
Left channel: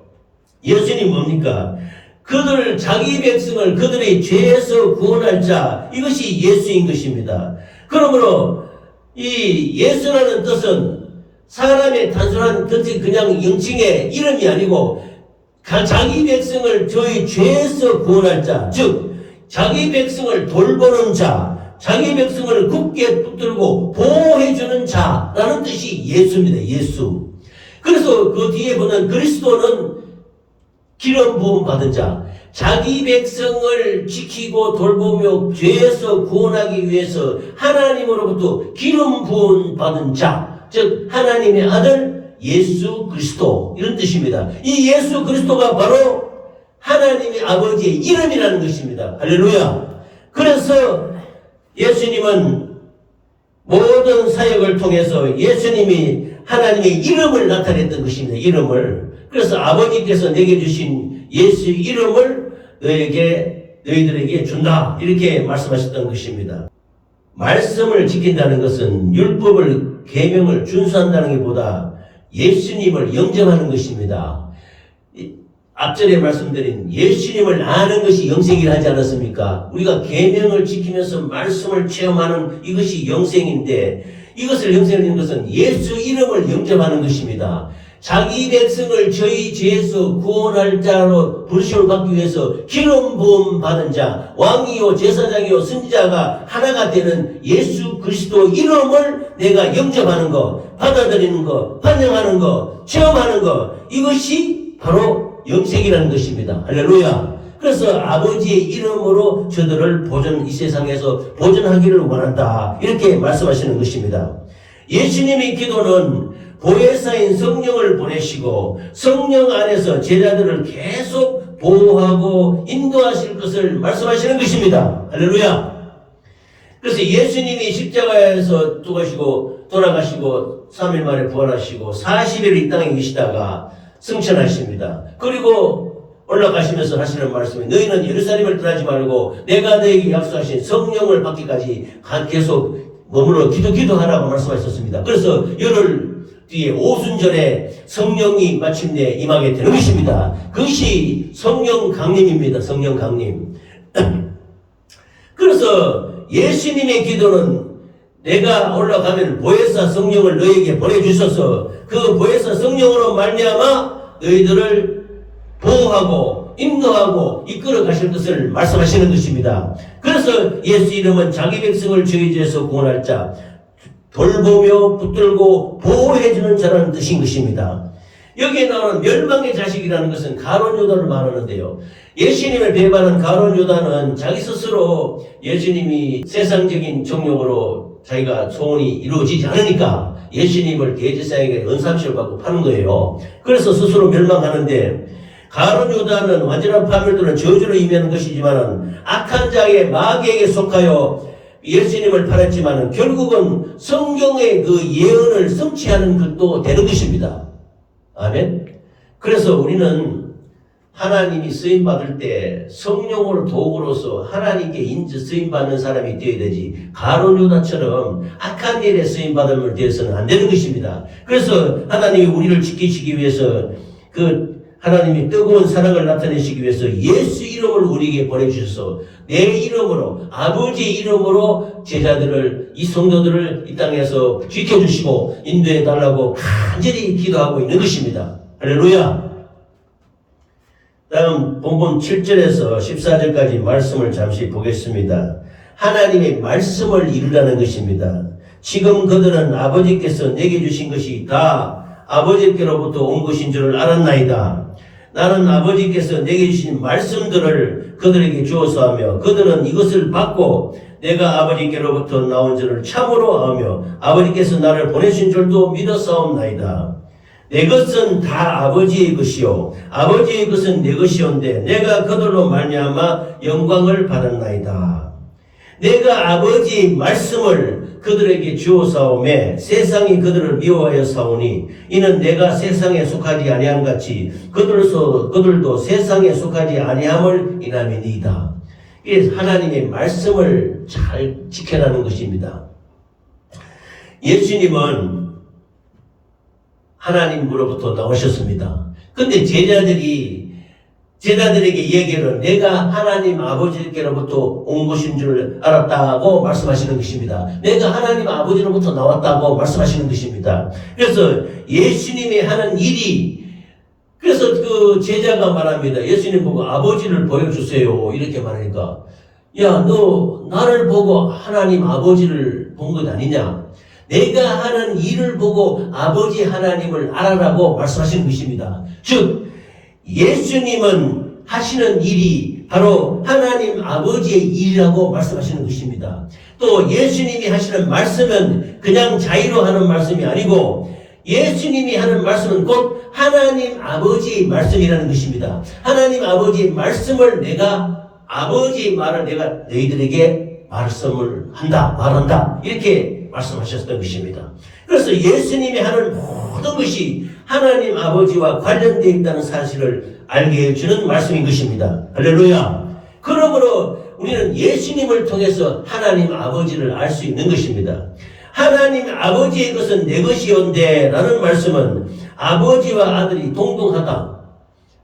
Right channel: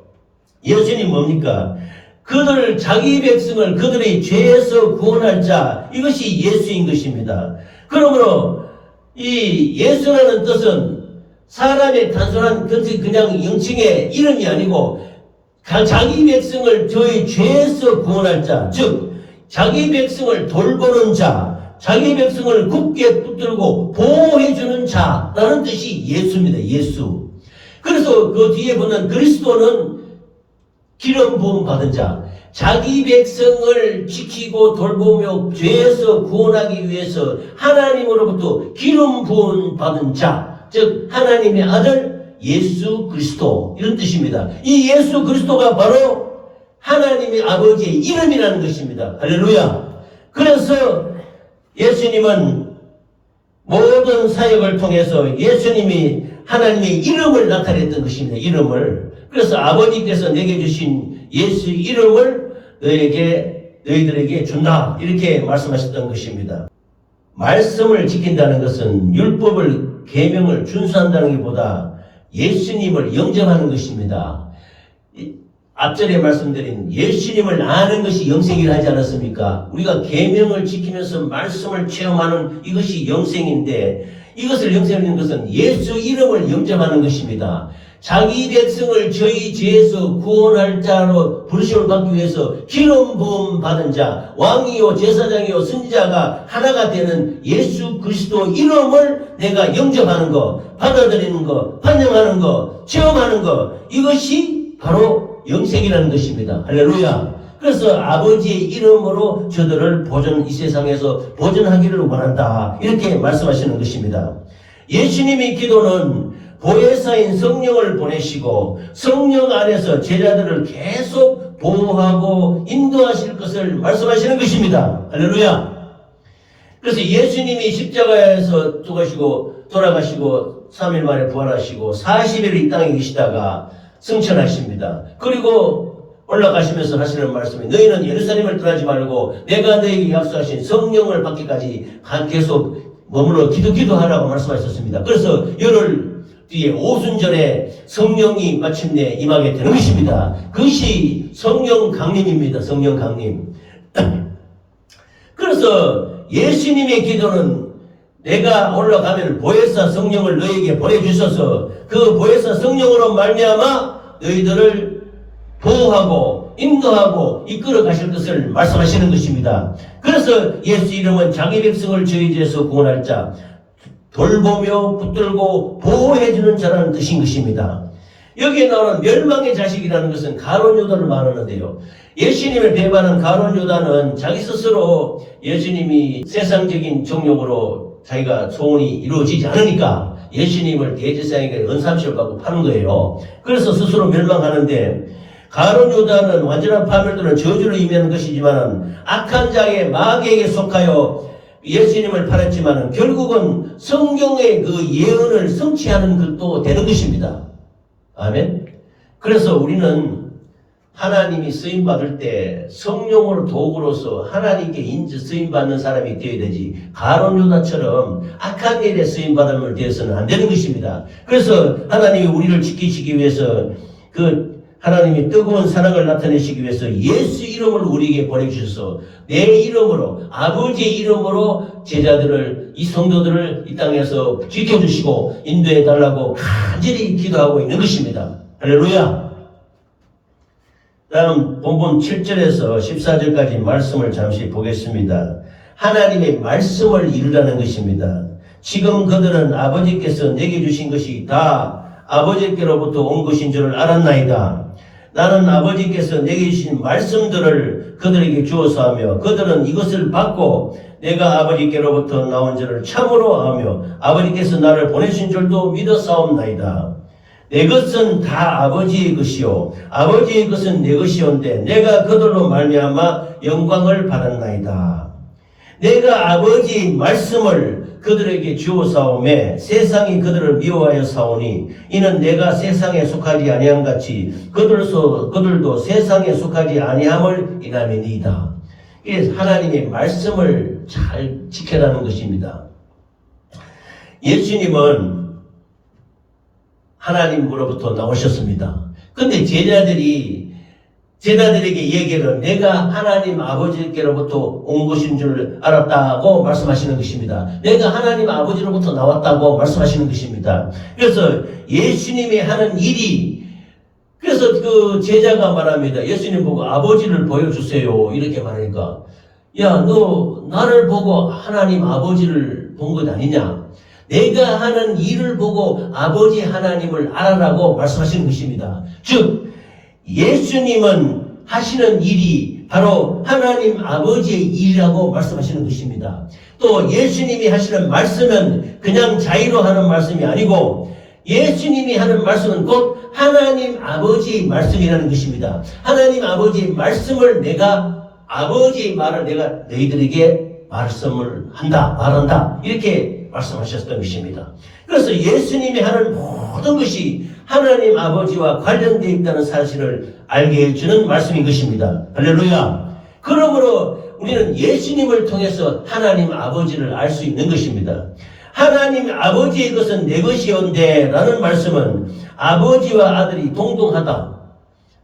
예수님 뭡니까? 그들 자기 백성을 그들의 죄에서 구원할 자, 이것이 예수인 것입니다. 그러므로 이 예수라는 뜻은 사람의 단순한 그냥 영칭의 이름이 아니고 자기 백성을 저희 죄에서 구원할 자, 즉 자기 백성을 돌보는 자, 자기 백성을 굳게 붙들고 보호해주는 자라는 뜻이 예수입니다. 예수. 그래서 그 뒤에 보면 그리스도는 기름 부음 받은 자, 자기 백성을 지키고 돌보며 죄에서 구원하기 위해서 하나님으로부터 기름 부음 받은 자, 즉 하나님의 아들 예수 그리스도, 이런 뜻입니다. 이 예수 그리스도가 바로 하나님의 아버지의 이름이라는 것입니다. 할렐루야. 그래서 예수님은 모든 사역을 통해서 예수님이 하나님의 이름을 나타냈던 것입니다. 이름을. 그래서 아버지께서 내게 주신 예수의 이름을 너희들에게 준다. 이렇게 말씀하셨던 것입니다. 말씀을 지킨다는 것은 율법을 계명을 준수한다는 것보다 예수님을 영접하는 것입니다. 앞전에 말씀드린 예수님을 아는 것이 영생이라 하지 않았습니까? 우리가 계명을 지키면서 말씀을 체험하는 이것이 영생인데, 이것을 영생하는 것은 예수 이름을 영접하는 것입니다. 자기 백성을 저희 죄에서 구원할 자로 부르심을 받기 위해서 기름 부음 받은 자, 왕이요 제사장이요 선지자가 하나가 되는 예수 그리스도 이름을 내가 영접하는 것, 받아들이는 것, 환영하는 것, 체험하는 것, 이것이 바로 영생이라는 것입니다. 할렐루야. 그래서 아버지의 이름으로 저들을 이 세상에서 보존하기를 원한다. 이렇게 말씀하시는 것입니다. 예수님의 기도는 보혜사인 성령을 보내시고 성령 안에서 제자들을 계속 보호하고 인도하실 것을 말씀하시는 것입니다. 할렐루야. 그래서 예수님이 십자가에서 돌아가시고 3일 만에 부활하시고 40일 이 땅에 계시다가 승천하십니다. 그리고 올라가시면서 하시는 말씀이 너희는 예루살렘을 떠나지 말고 내가 너에게 약속하신 성령을 받기까지 계속 머물러 기도하라고 말씀하셨습니다. 그래서 열흘 뒤에 오순절에 성령이 마침내 임하게 되는 것입니다. 그것이 성령 강림입니다. 성령 강림. 그래서 예수님의 기도는 내가 올라가면 보혜사 성령을 너에게 보내주셔서 그 보혜사 성령으로 말미암아 너희들을 보호하고 인도하고 이끌어 가실 것을 말씀하시는 것입니다. 그래서 예수 이름은 자기 백성을 저희 죄에서 구원할 자, 돌보며 붙들고 보호해주는 자라는 뜻인 것입니다. 여기에 나오는 멸망의 자식이라는 것은 가룟 유다를 말하는데요. 예수님을 배반한 가룟 유다는 자기 스스로 예수님이 세상적인 정욕으로 자기가 소원이 이루어지지 않으니까 예수님을 대제사장에게 은삼시를 받고 파는 거예요. 그래서 스스로 멸망하는데 가룟 유다는 완전한 파멸들은 저주를 의미하는 것이지만 악한 자의 마귀에게 속하여 예수님을 팔았지만 결국은 성경의 그 예언을 성취하는 것도 되는 것입니다. 아멘. 그래서 우리는 하나님이 쓰임받을 때 성령을 도구로서 하나님께 쓰임받는 사람이 되어야 되지 가룟 유다처럼 악한 일에 쓰임받음을 되어서는 안 되는 것입니다. 그래서 하나님이 우리를 지키시기 위해서 하나님이 뜨거운 사랑을 나타내시기 위해서 예수 이름을 우리에게 보내주셔서 내 이름으로 아버지의 이름으로 제자들을 이 성도들을 이 땅에서 지켜주시고 인도해달라고 간절히 기도하고 있는 것입니다. 할렐루야. 다음 본문 7절에서 14절까지 말씀을 잠시 보겠습니다. 하나님의 말씀을 이루라는 것입니다. 지금 그들은 아버지께서 내게 주신 것이 다 아버지께로부터 온 것인 줄을 알았나이다. 나는 아버지께서 내게 주신 말씀들을 그들에게 주어서 하며 그들은 이것을 받고 내가 아버지께로부터 나온 줄을 참으로 하며 아버지께서 나를 보내신 줄도 믿어 싸움나이다. 내 것은 다 아버지의 것이요 아버지의 것은 내 것이온데 내가 그들로 말미암아 영광을 받았나이다. 내가 아버지의 말씀을 그들에게 주어 사오매 세상이 그들을 미워하여 사오니 이는 내가 세상에 속하지 아니함 같이 그들도 세상에 속하지 아니함을 인함이니이다. 이게 하나님의 말씀을 잘 지켜라는 것입니다. 예수님은 하나님으로부터 나오셨습니다. 근데 제자들에게 얘기를 내가 하나님 아버지께로부터 온 것인 줄 알았다고 말씀하시는 것입니다. 내가 하나님 아버지로부터 나왔다고 말씀하시는 것입니다. 그래서 예수님이 하는 일이 그래서 그 제자가 말합니다. 예수님 보고 아버지를 보여주세요. 이렇게 말하니까 야, 너 나를 보고 하나님 아버지를 본 것 아니냐? 내가 하는 일을 보고 아버지 하나님을 알아라고 말씀하시는 것입니다. 즉 예수님은 하시는 일이 바로 하나님 아버지의 일이라고 말씀하시는 것입니다. 또 예수님이 하시는 말씀은 그냥 자의로 하는 말씀이 아니고 예수님이 하는 말씀은 곧 하나님 아버지의 말씀이라는 것입니다. 하나님 아버지의 말씀을 아버지의 말을 내가 너희들에게 말한다. 이렇게 말씀하셨던 것입니다. 그래서 예수님이 하는 모든 것이 하나님 아버지와 관련되어 있다는 사실을 알게 해주는 말씀인 것입니다. 할렐루야. 그러므로 우리는 예수님을 통해서 하나님 아버지를 알 수 있는 것입니다. 하나님 아버지의 것은 내 것이온데 라는 말씀은 아버지와 아들이 동등하다.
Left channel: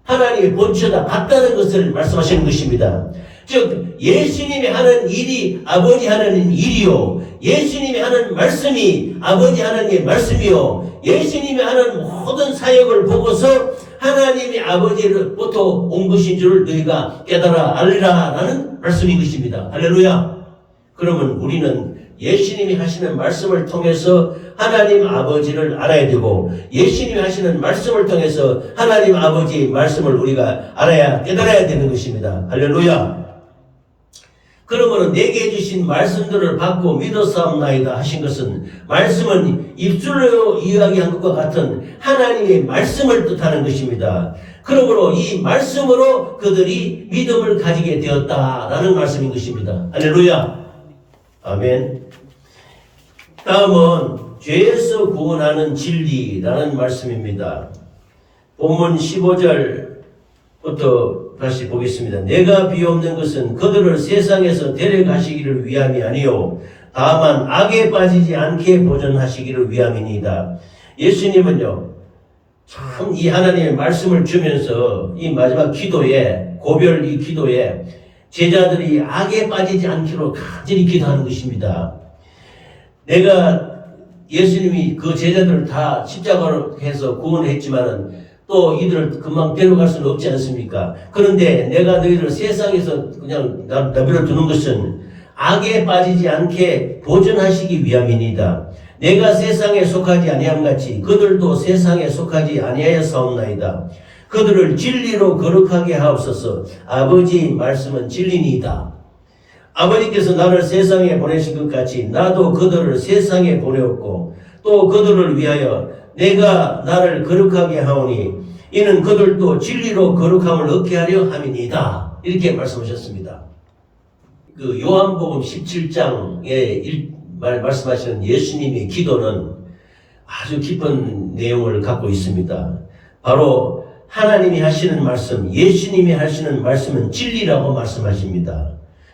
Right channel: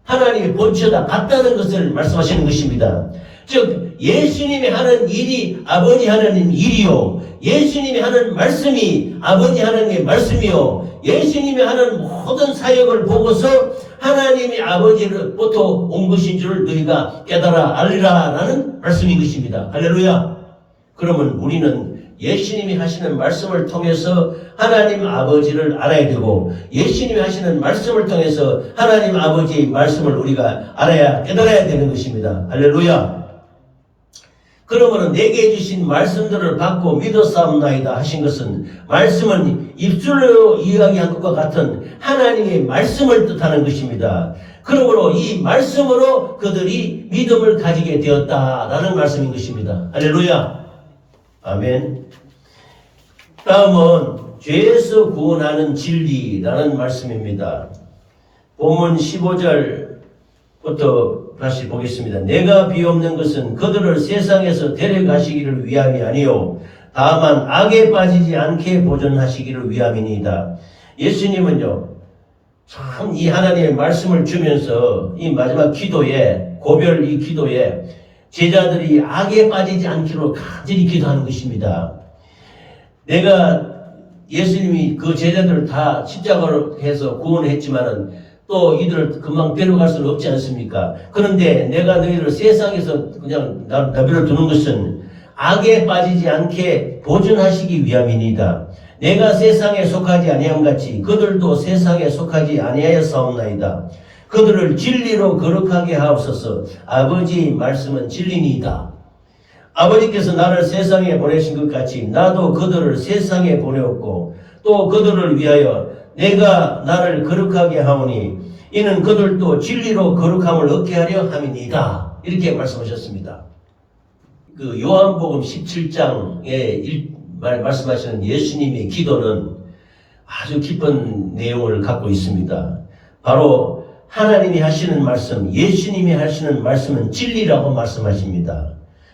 하나님의 본체다 같다는 것을 말씀하시는 것입니다. 즉 예수님이 하는 일이 아버지 하나님 일이요 예수님이 하는 말씀이 아버지 하나님의 말씀이요 예수님이 하는 모든 사역을 보고서 하나님이 아버지로부터 온 것인 줄을 너희가 깨달아 알리라 라는 말씀인 것입니다. 할렐루야. 그러면 우리는 예수님이 하시는 말씀을 통해서 하나님 아버지를 알아야 되고, 예수님이 하시는 말씀을 통해서 하나님 아버지의 말씀을 우리가 알아야, 깨달아야 되는 것입니다. 할렐루야. 그러므로 내게 주신 말씀들을 받고 믿었사옵나이다 하신 것은, 말씀은 입술로 이야기한 것과 같은 하나님의 말씀을 뜻하는 것입니다. 그러므로 이 말씀으로 그들이 믿음을 가지게 되었다라는 말씀인 것입니다. 할렐루야. 아멘. 다음은 죄에서 구원하는 진리라는 말씀입니다. 본문 15절부터 다시 보겠습니다. 내가 비옵는 것은 그들을 세상에서 데려가시기를 위함이 아니요 다만 악에 빠지지 않게 보존하시기를 위함이니이다. 예수님은요, 참 이 하나님의 말씀을 주면서 이 마지막 기도에, 고별 이 기도에 제자들이 악에 빠지지 않기로 간절히 기도하는 것입니다. 예수님이 그 제자들을 다 십자가로 해서 구원했지만은 또 이들을 금방 데려갈 수는 없지 않습니까? 그런데 내가 너희를 세상에서 그냥 내버려 두는 것은 악에 빠지지 않게 보존하시기 위함이니이다. 내가 세상에 속하지 아니함 같이 그들도 세상에 속하지 아니하였사옵나이다. 그들을 진리로 거룩하게 하옵소서. 아버지의 말씀은 진리니이다. 아버지께서 나를 세상에 보내신 것 같이 나도 그들을 세상에 보내었고 또 그들을 위하여 내가 나를 거룩하게 하오니 이는 그들도 진리로 거룩함을 얻게 하려 함이니이다. 이렇게 말씀하셨습니다. 그 요한복음 17장에 말씀하시는 예수님의 기도는 아주 깊은 내용을 갖고 있습니다. 바로 하나님이 하시는 말씀, 예수님이 하시는 말씀은 진리라고 말씀하십니다.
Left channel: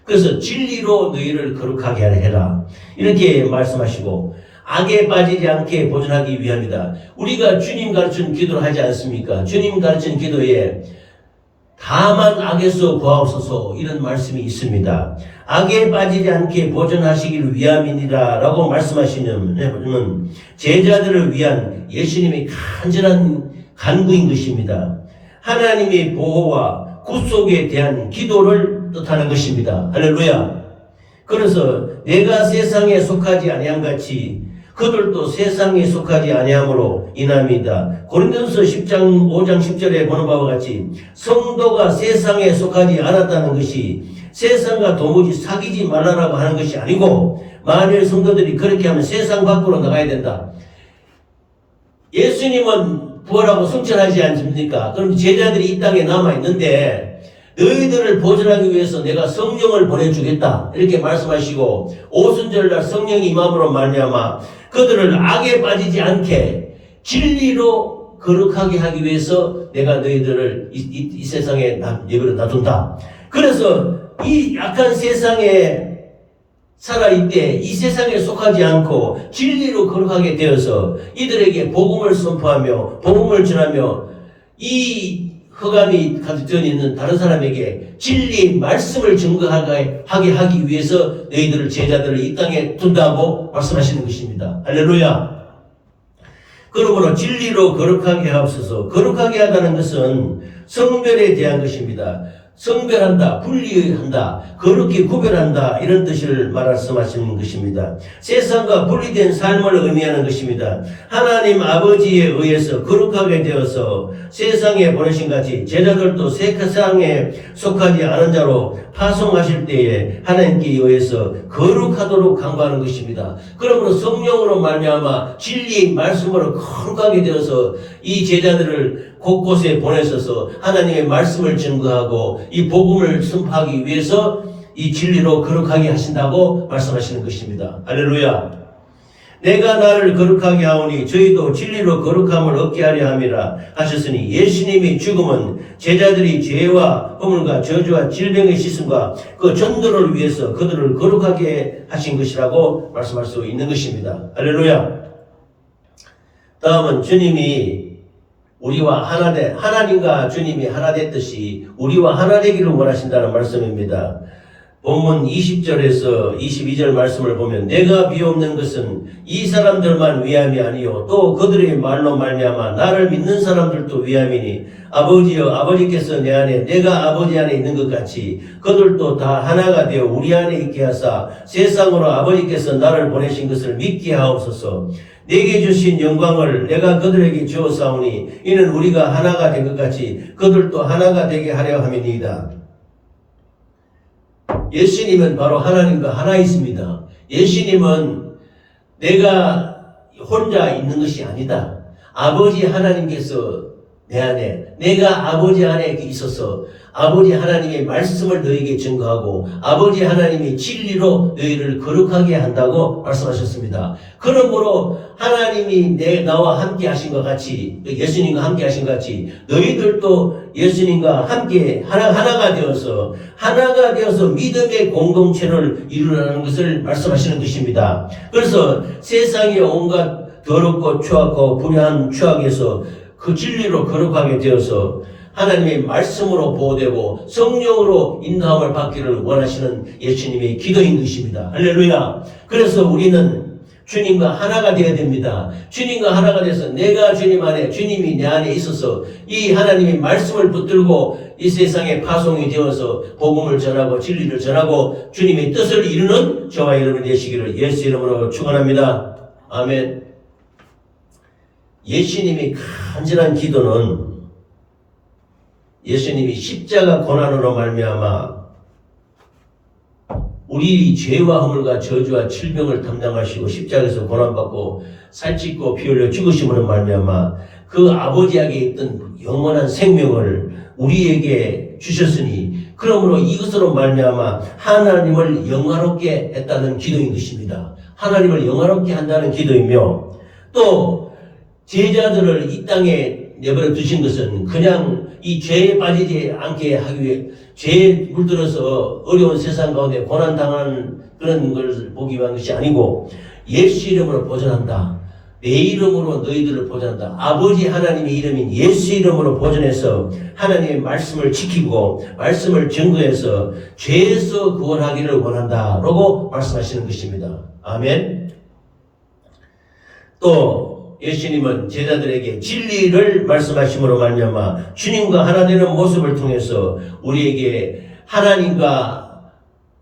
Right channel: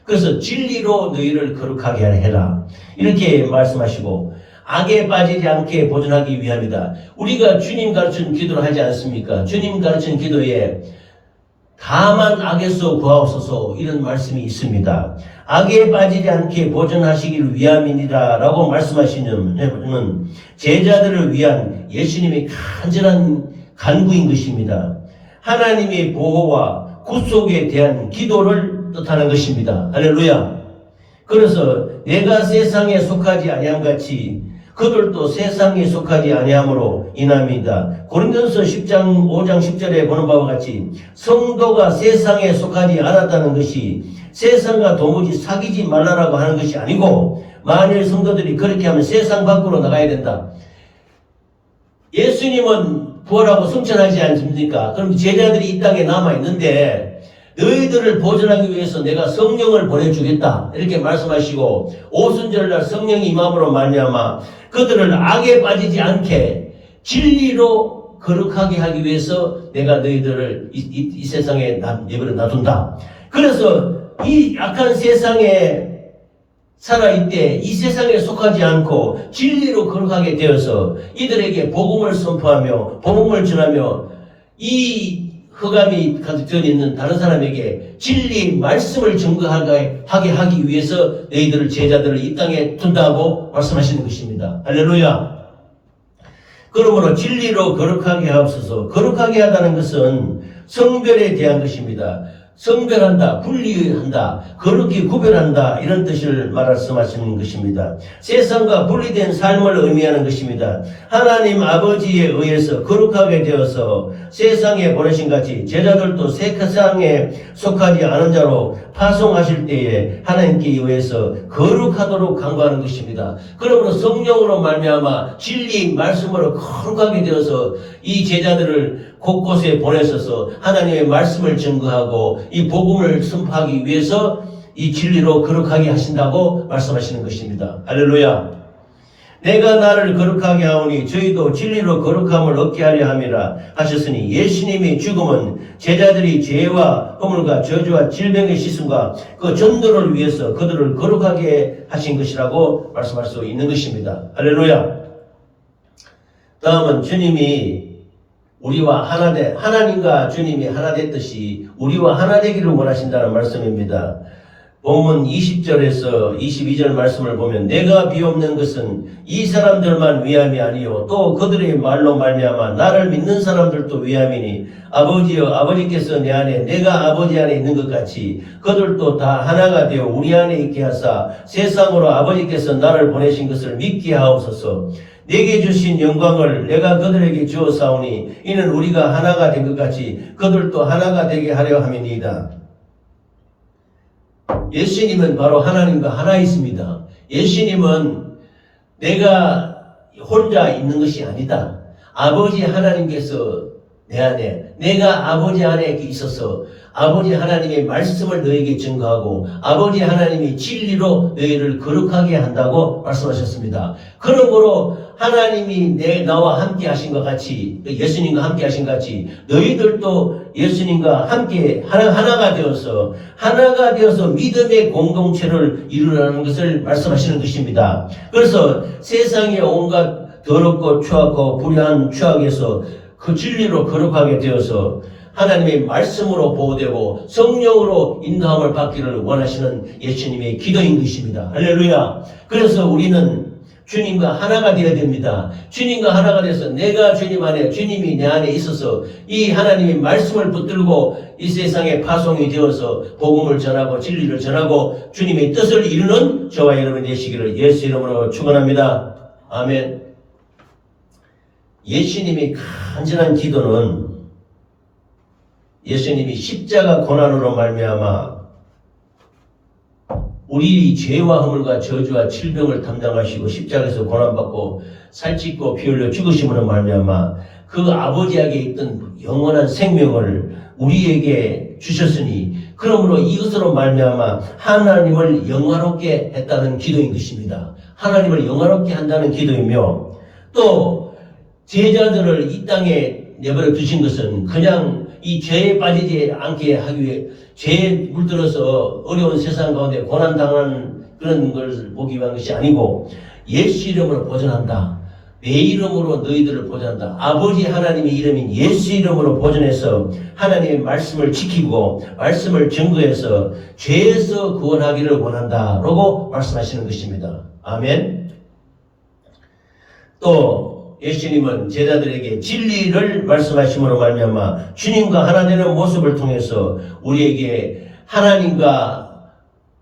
그래서 진리로 너희를 거룩하게 해라. 이렇게 말씀하시고 악에 빠지지 않게 보존하기 위함이다. 우리가 주님 가르친 기도를 하지 않습니까? 주님 가르친 기도에 다만 악에서 구하옵소서 이런 말씀이 있습니다. 악에 빠지지 않게 보존하시기를 위함이니라 라고 말씀하시는 제자들을 위한 예수님의 간절한 간구인 것입니다. 하나님의 보호와 구속에 대한 기도를 뜻하는 것입니다. 할렐루야. 그래서 내가 세상에 속하지 아니함 같이 그들도 세상에 속하지 아니함으로 인함이다. 고린도서 10장 5장 10절에 보는 바와 같이 성도가 세상에 속하지 않았다는 것이 세상과 도무지 사귀지 말라라고 하는 것이 아니고, 만일 성도들이 그렇게 하면 세상 밖으로 나가야 된다. 예수님은 부활하고 승천하지 않습니까? 그럼 제자들이 이 땅에 남아있는데 너희들을 보존하기 위해서 내가 성령을 보내주겠다 이렇게 말씀하시고, 오순절날 성령이 임함으로 말미암아 그들을 악에 빠지지 않게 진리로 거룩하게 하기 위해서 내가 너희들을 이 세상에 내버려 놔둔다. 그래서 이 악한 세상에 살아있대 이 세상에 속하지 않고 진리로 거룩하게 되어서 이들에게 복음을 선포하며 복음을 전하며 이 흑암이 가득 있는 다른 사람에게 진리 말씀을 증거하게 하기 위해서 너희들을 제자들을 이 땅에 둔다고 말씀하시는 것입니다. 할렐루야. 그러므로 진리로 거룩하게 하옵소서. 거룩하게 하다는 것은 성별에 대한 것입니다. 성별한다, 분리한다, 거룩히 구별한다 이런 뜻을 말씀하시는 것입니다. 세상과 분리된 삶을 의미하는 것입니다. 하나님 아버지에 의해서 거룩하게 되어서 세상에 보내신 같이 제자들도 세상에 속하지 않은 자로 파송하실 때에 하나님께 의해서 거룩하도록 강구하는 것입니다. 그러므로 성령으로 말미암아 진리 말씀으로 거룩하게 되어서 이 제자들을 곳곳에 보내셔서 하나님의 말씀을 증거하고 이 복음을 선포하기 위해서 이 진리로 거룩하게 하신다고 말씀하시는 것입니다. 할렐루야. 내가 나를 거룩하게 하오니 저희도 진리로 거룩함을 얻게 하려 함이라 하셨으니, 예수님의 죽음은 제자들이 죄와 허물과 저주와 질병의 시슴과 그 전도를 위해서 그들을 거룩하게 하신 것이라고 말씀할 수 있는 것입니다. 할렐루야. 다음은 주님이 우리와 하나님과 주님이 하나 됐듯이 우리와 하나 되기를 원하신다는 말씀입니다. 본문 20절에서 22절 말씀을 보면 내가 비옵는 것은 이 사람들만 위함이 아니요 또 그들의 말로 말미암아 나를 믿는 사람들도 위함이니 아버지여, 아버지께서 내 안에 내가 아버지 안에 있는 것 같이 그들도 다 하나가 되어 우리 안에 있게 하사 세상으로 아버지께서 나를 보내신 것을 믿게 하옵소서. 내게 주신 영광을 내가 그들에게 주었사오니 이는 우리가 하나가 된 것 같이 그들도 하나가 되게 하려 함이니이다. 예수님은 바로 하나님과 하나 있습니다. 예수님은 내가 혼자 있는 것이 아니다. 아버지 하나님께서 내 안에, 내가 아버지 안에 있어서 아버지 하나님의 말씀을 너에게 증거하고 아버지 하나님의 진리로 너희를 거룩하게 한다고 말씀하셨습니다. 그러므로 하나님이 나와 함께 하신 것 같이, 예수님과 함께 하신 것 같이 너희들도 예수님과 함께 하나가 되어서 믿음의 공동체를 이루라는 것을 말씀하시는 것입니다. 그래서 세상의 온갖 더럽고 추악하고 불의한 추악에서 그 진리로 거룩하게 되어서 하나님의 말씀으로 보호되고 성령으로 인도함을 받기를 원하시는 예수님의 기도인 것입니다. 할렐루야. 그래서 우리는 주님과 하나가 되어야 됩니다. 주님과 하나가 돼서 내가 주님 안에, 주님이 내 안에 있어서 이 하나님의 말씀을 붙들고 이 세상에 파송이 되어서 복음을 전하고 진리를 전하고 주님의 뜻을 이루는 저와 여러분이 되시기를 예수 이름으로 축원합니다. 아멘. 예수님의 간절한 기도는 예수님이 십자가 고난으로 말미암아 우리 죄와 허물과 저주와 질병을 담당하시고 십자가에서 고난받고 살찌고 피 흘려 죽으심으로 말미암아 그 아버지에게 있던 영원한 생명을 우리에게 주셨으니 그러므로 이것으로 말미암아 하나님을 영화롭게 했다는 기도인 것입니다. 하나님을 영화롭게 한다는 기도이며 또 제자들을 이 땅에 내버려 두신 것은 그냥 이 죄에 빠지지 않게 하기 위해 죄에 물들어서 어려운 세상 가운데 고난당하는 그런 걸 보기 위한 것이 아니고 예수 이름으로 보존한다. 내 이름으로 너희들을 보존한다. 아버지 하나님의 이름인 예수 이름으로 보존해서 하나님의 말씀을 지키고 말씀을 증거해서 죄에서 구원하기를 원한다라고 말씀하시는 것입니다. 아멘. 또 예수님은 제자들에게 진리를 말씀하심으로 말미암아 주님과 하나 되는 모습을 통해서 우리에게 하나님과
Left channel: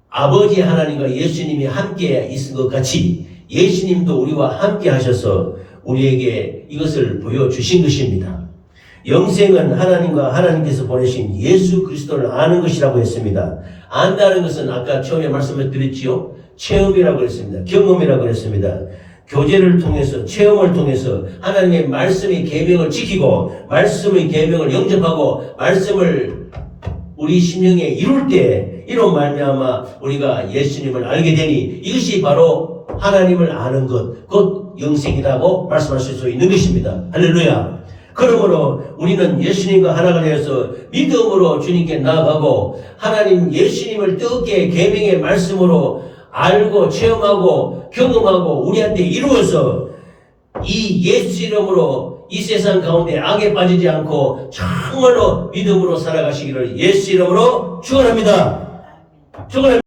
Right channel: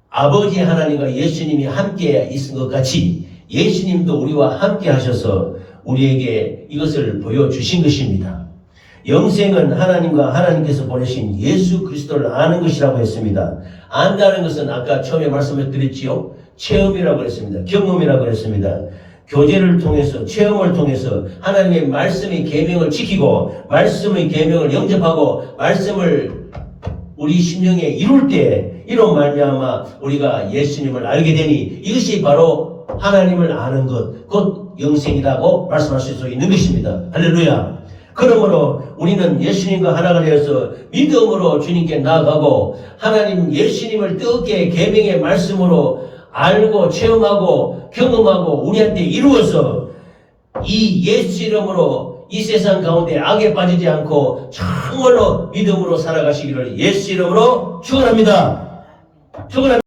아버지 하나님과 예수님이 함께 있은 것 같이 예수님도 우리와 함께 하셔서 우리에게 이것을 보여주신 것입니다. 영생은 하나님과 하나님께서 보내신 예수 그리스도를 아는 것이라고 했습니다. 안다는 것은 아까 처음에 말씀을 드렸지요. 체험이라고 했습니다. 경험이라고 했습니다. 교제를 통해서 체험을 통해서 하나님의 말씀의 계명을 지키고 말씀의 계명을 영접하고 말씀을 우리 심령에 이룰 때 이로 말미암아 우리가 예수님을 알게 되니 이것이 바로 하나님을 아는 것, 곧 영생이라고 말씀하실 수 있는 것입니다. 할렐루야. 그러므로 우리는 예수님과 하나가 되어서 믿음으로 주님께 나아가고 하나님 예수님을 뜨겁게 계명의 말씀으로 알고 체험하고 경험하고 우리한테 이루어서 이 예수 이름으로 이 세상 가운데 악에 빠지지 않고 정말로 믿음으로 살아가시기를 예수 이름으로 축원합니다. 축원합니다.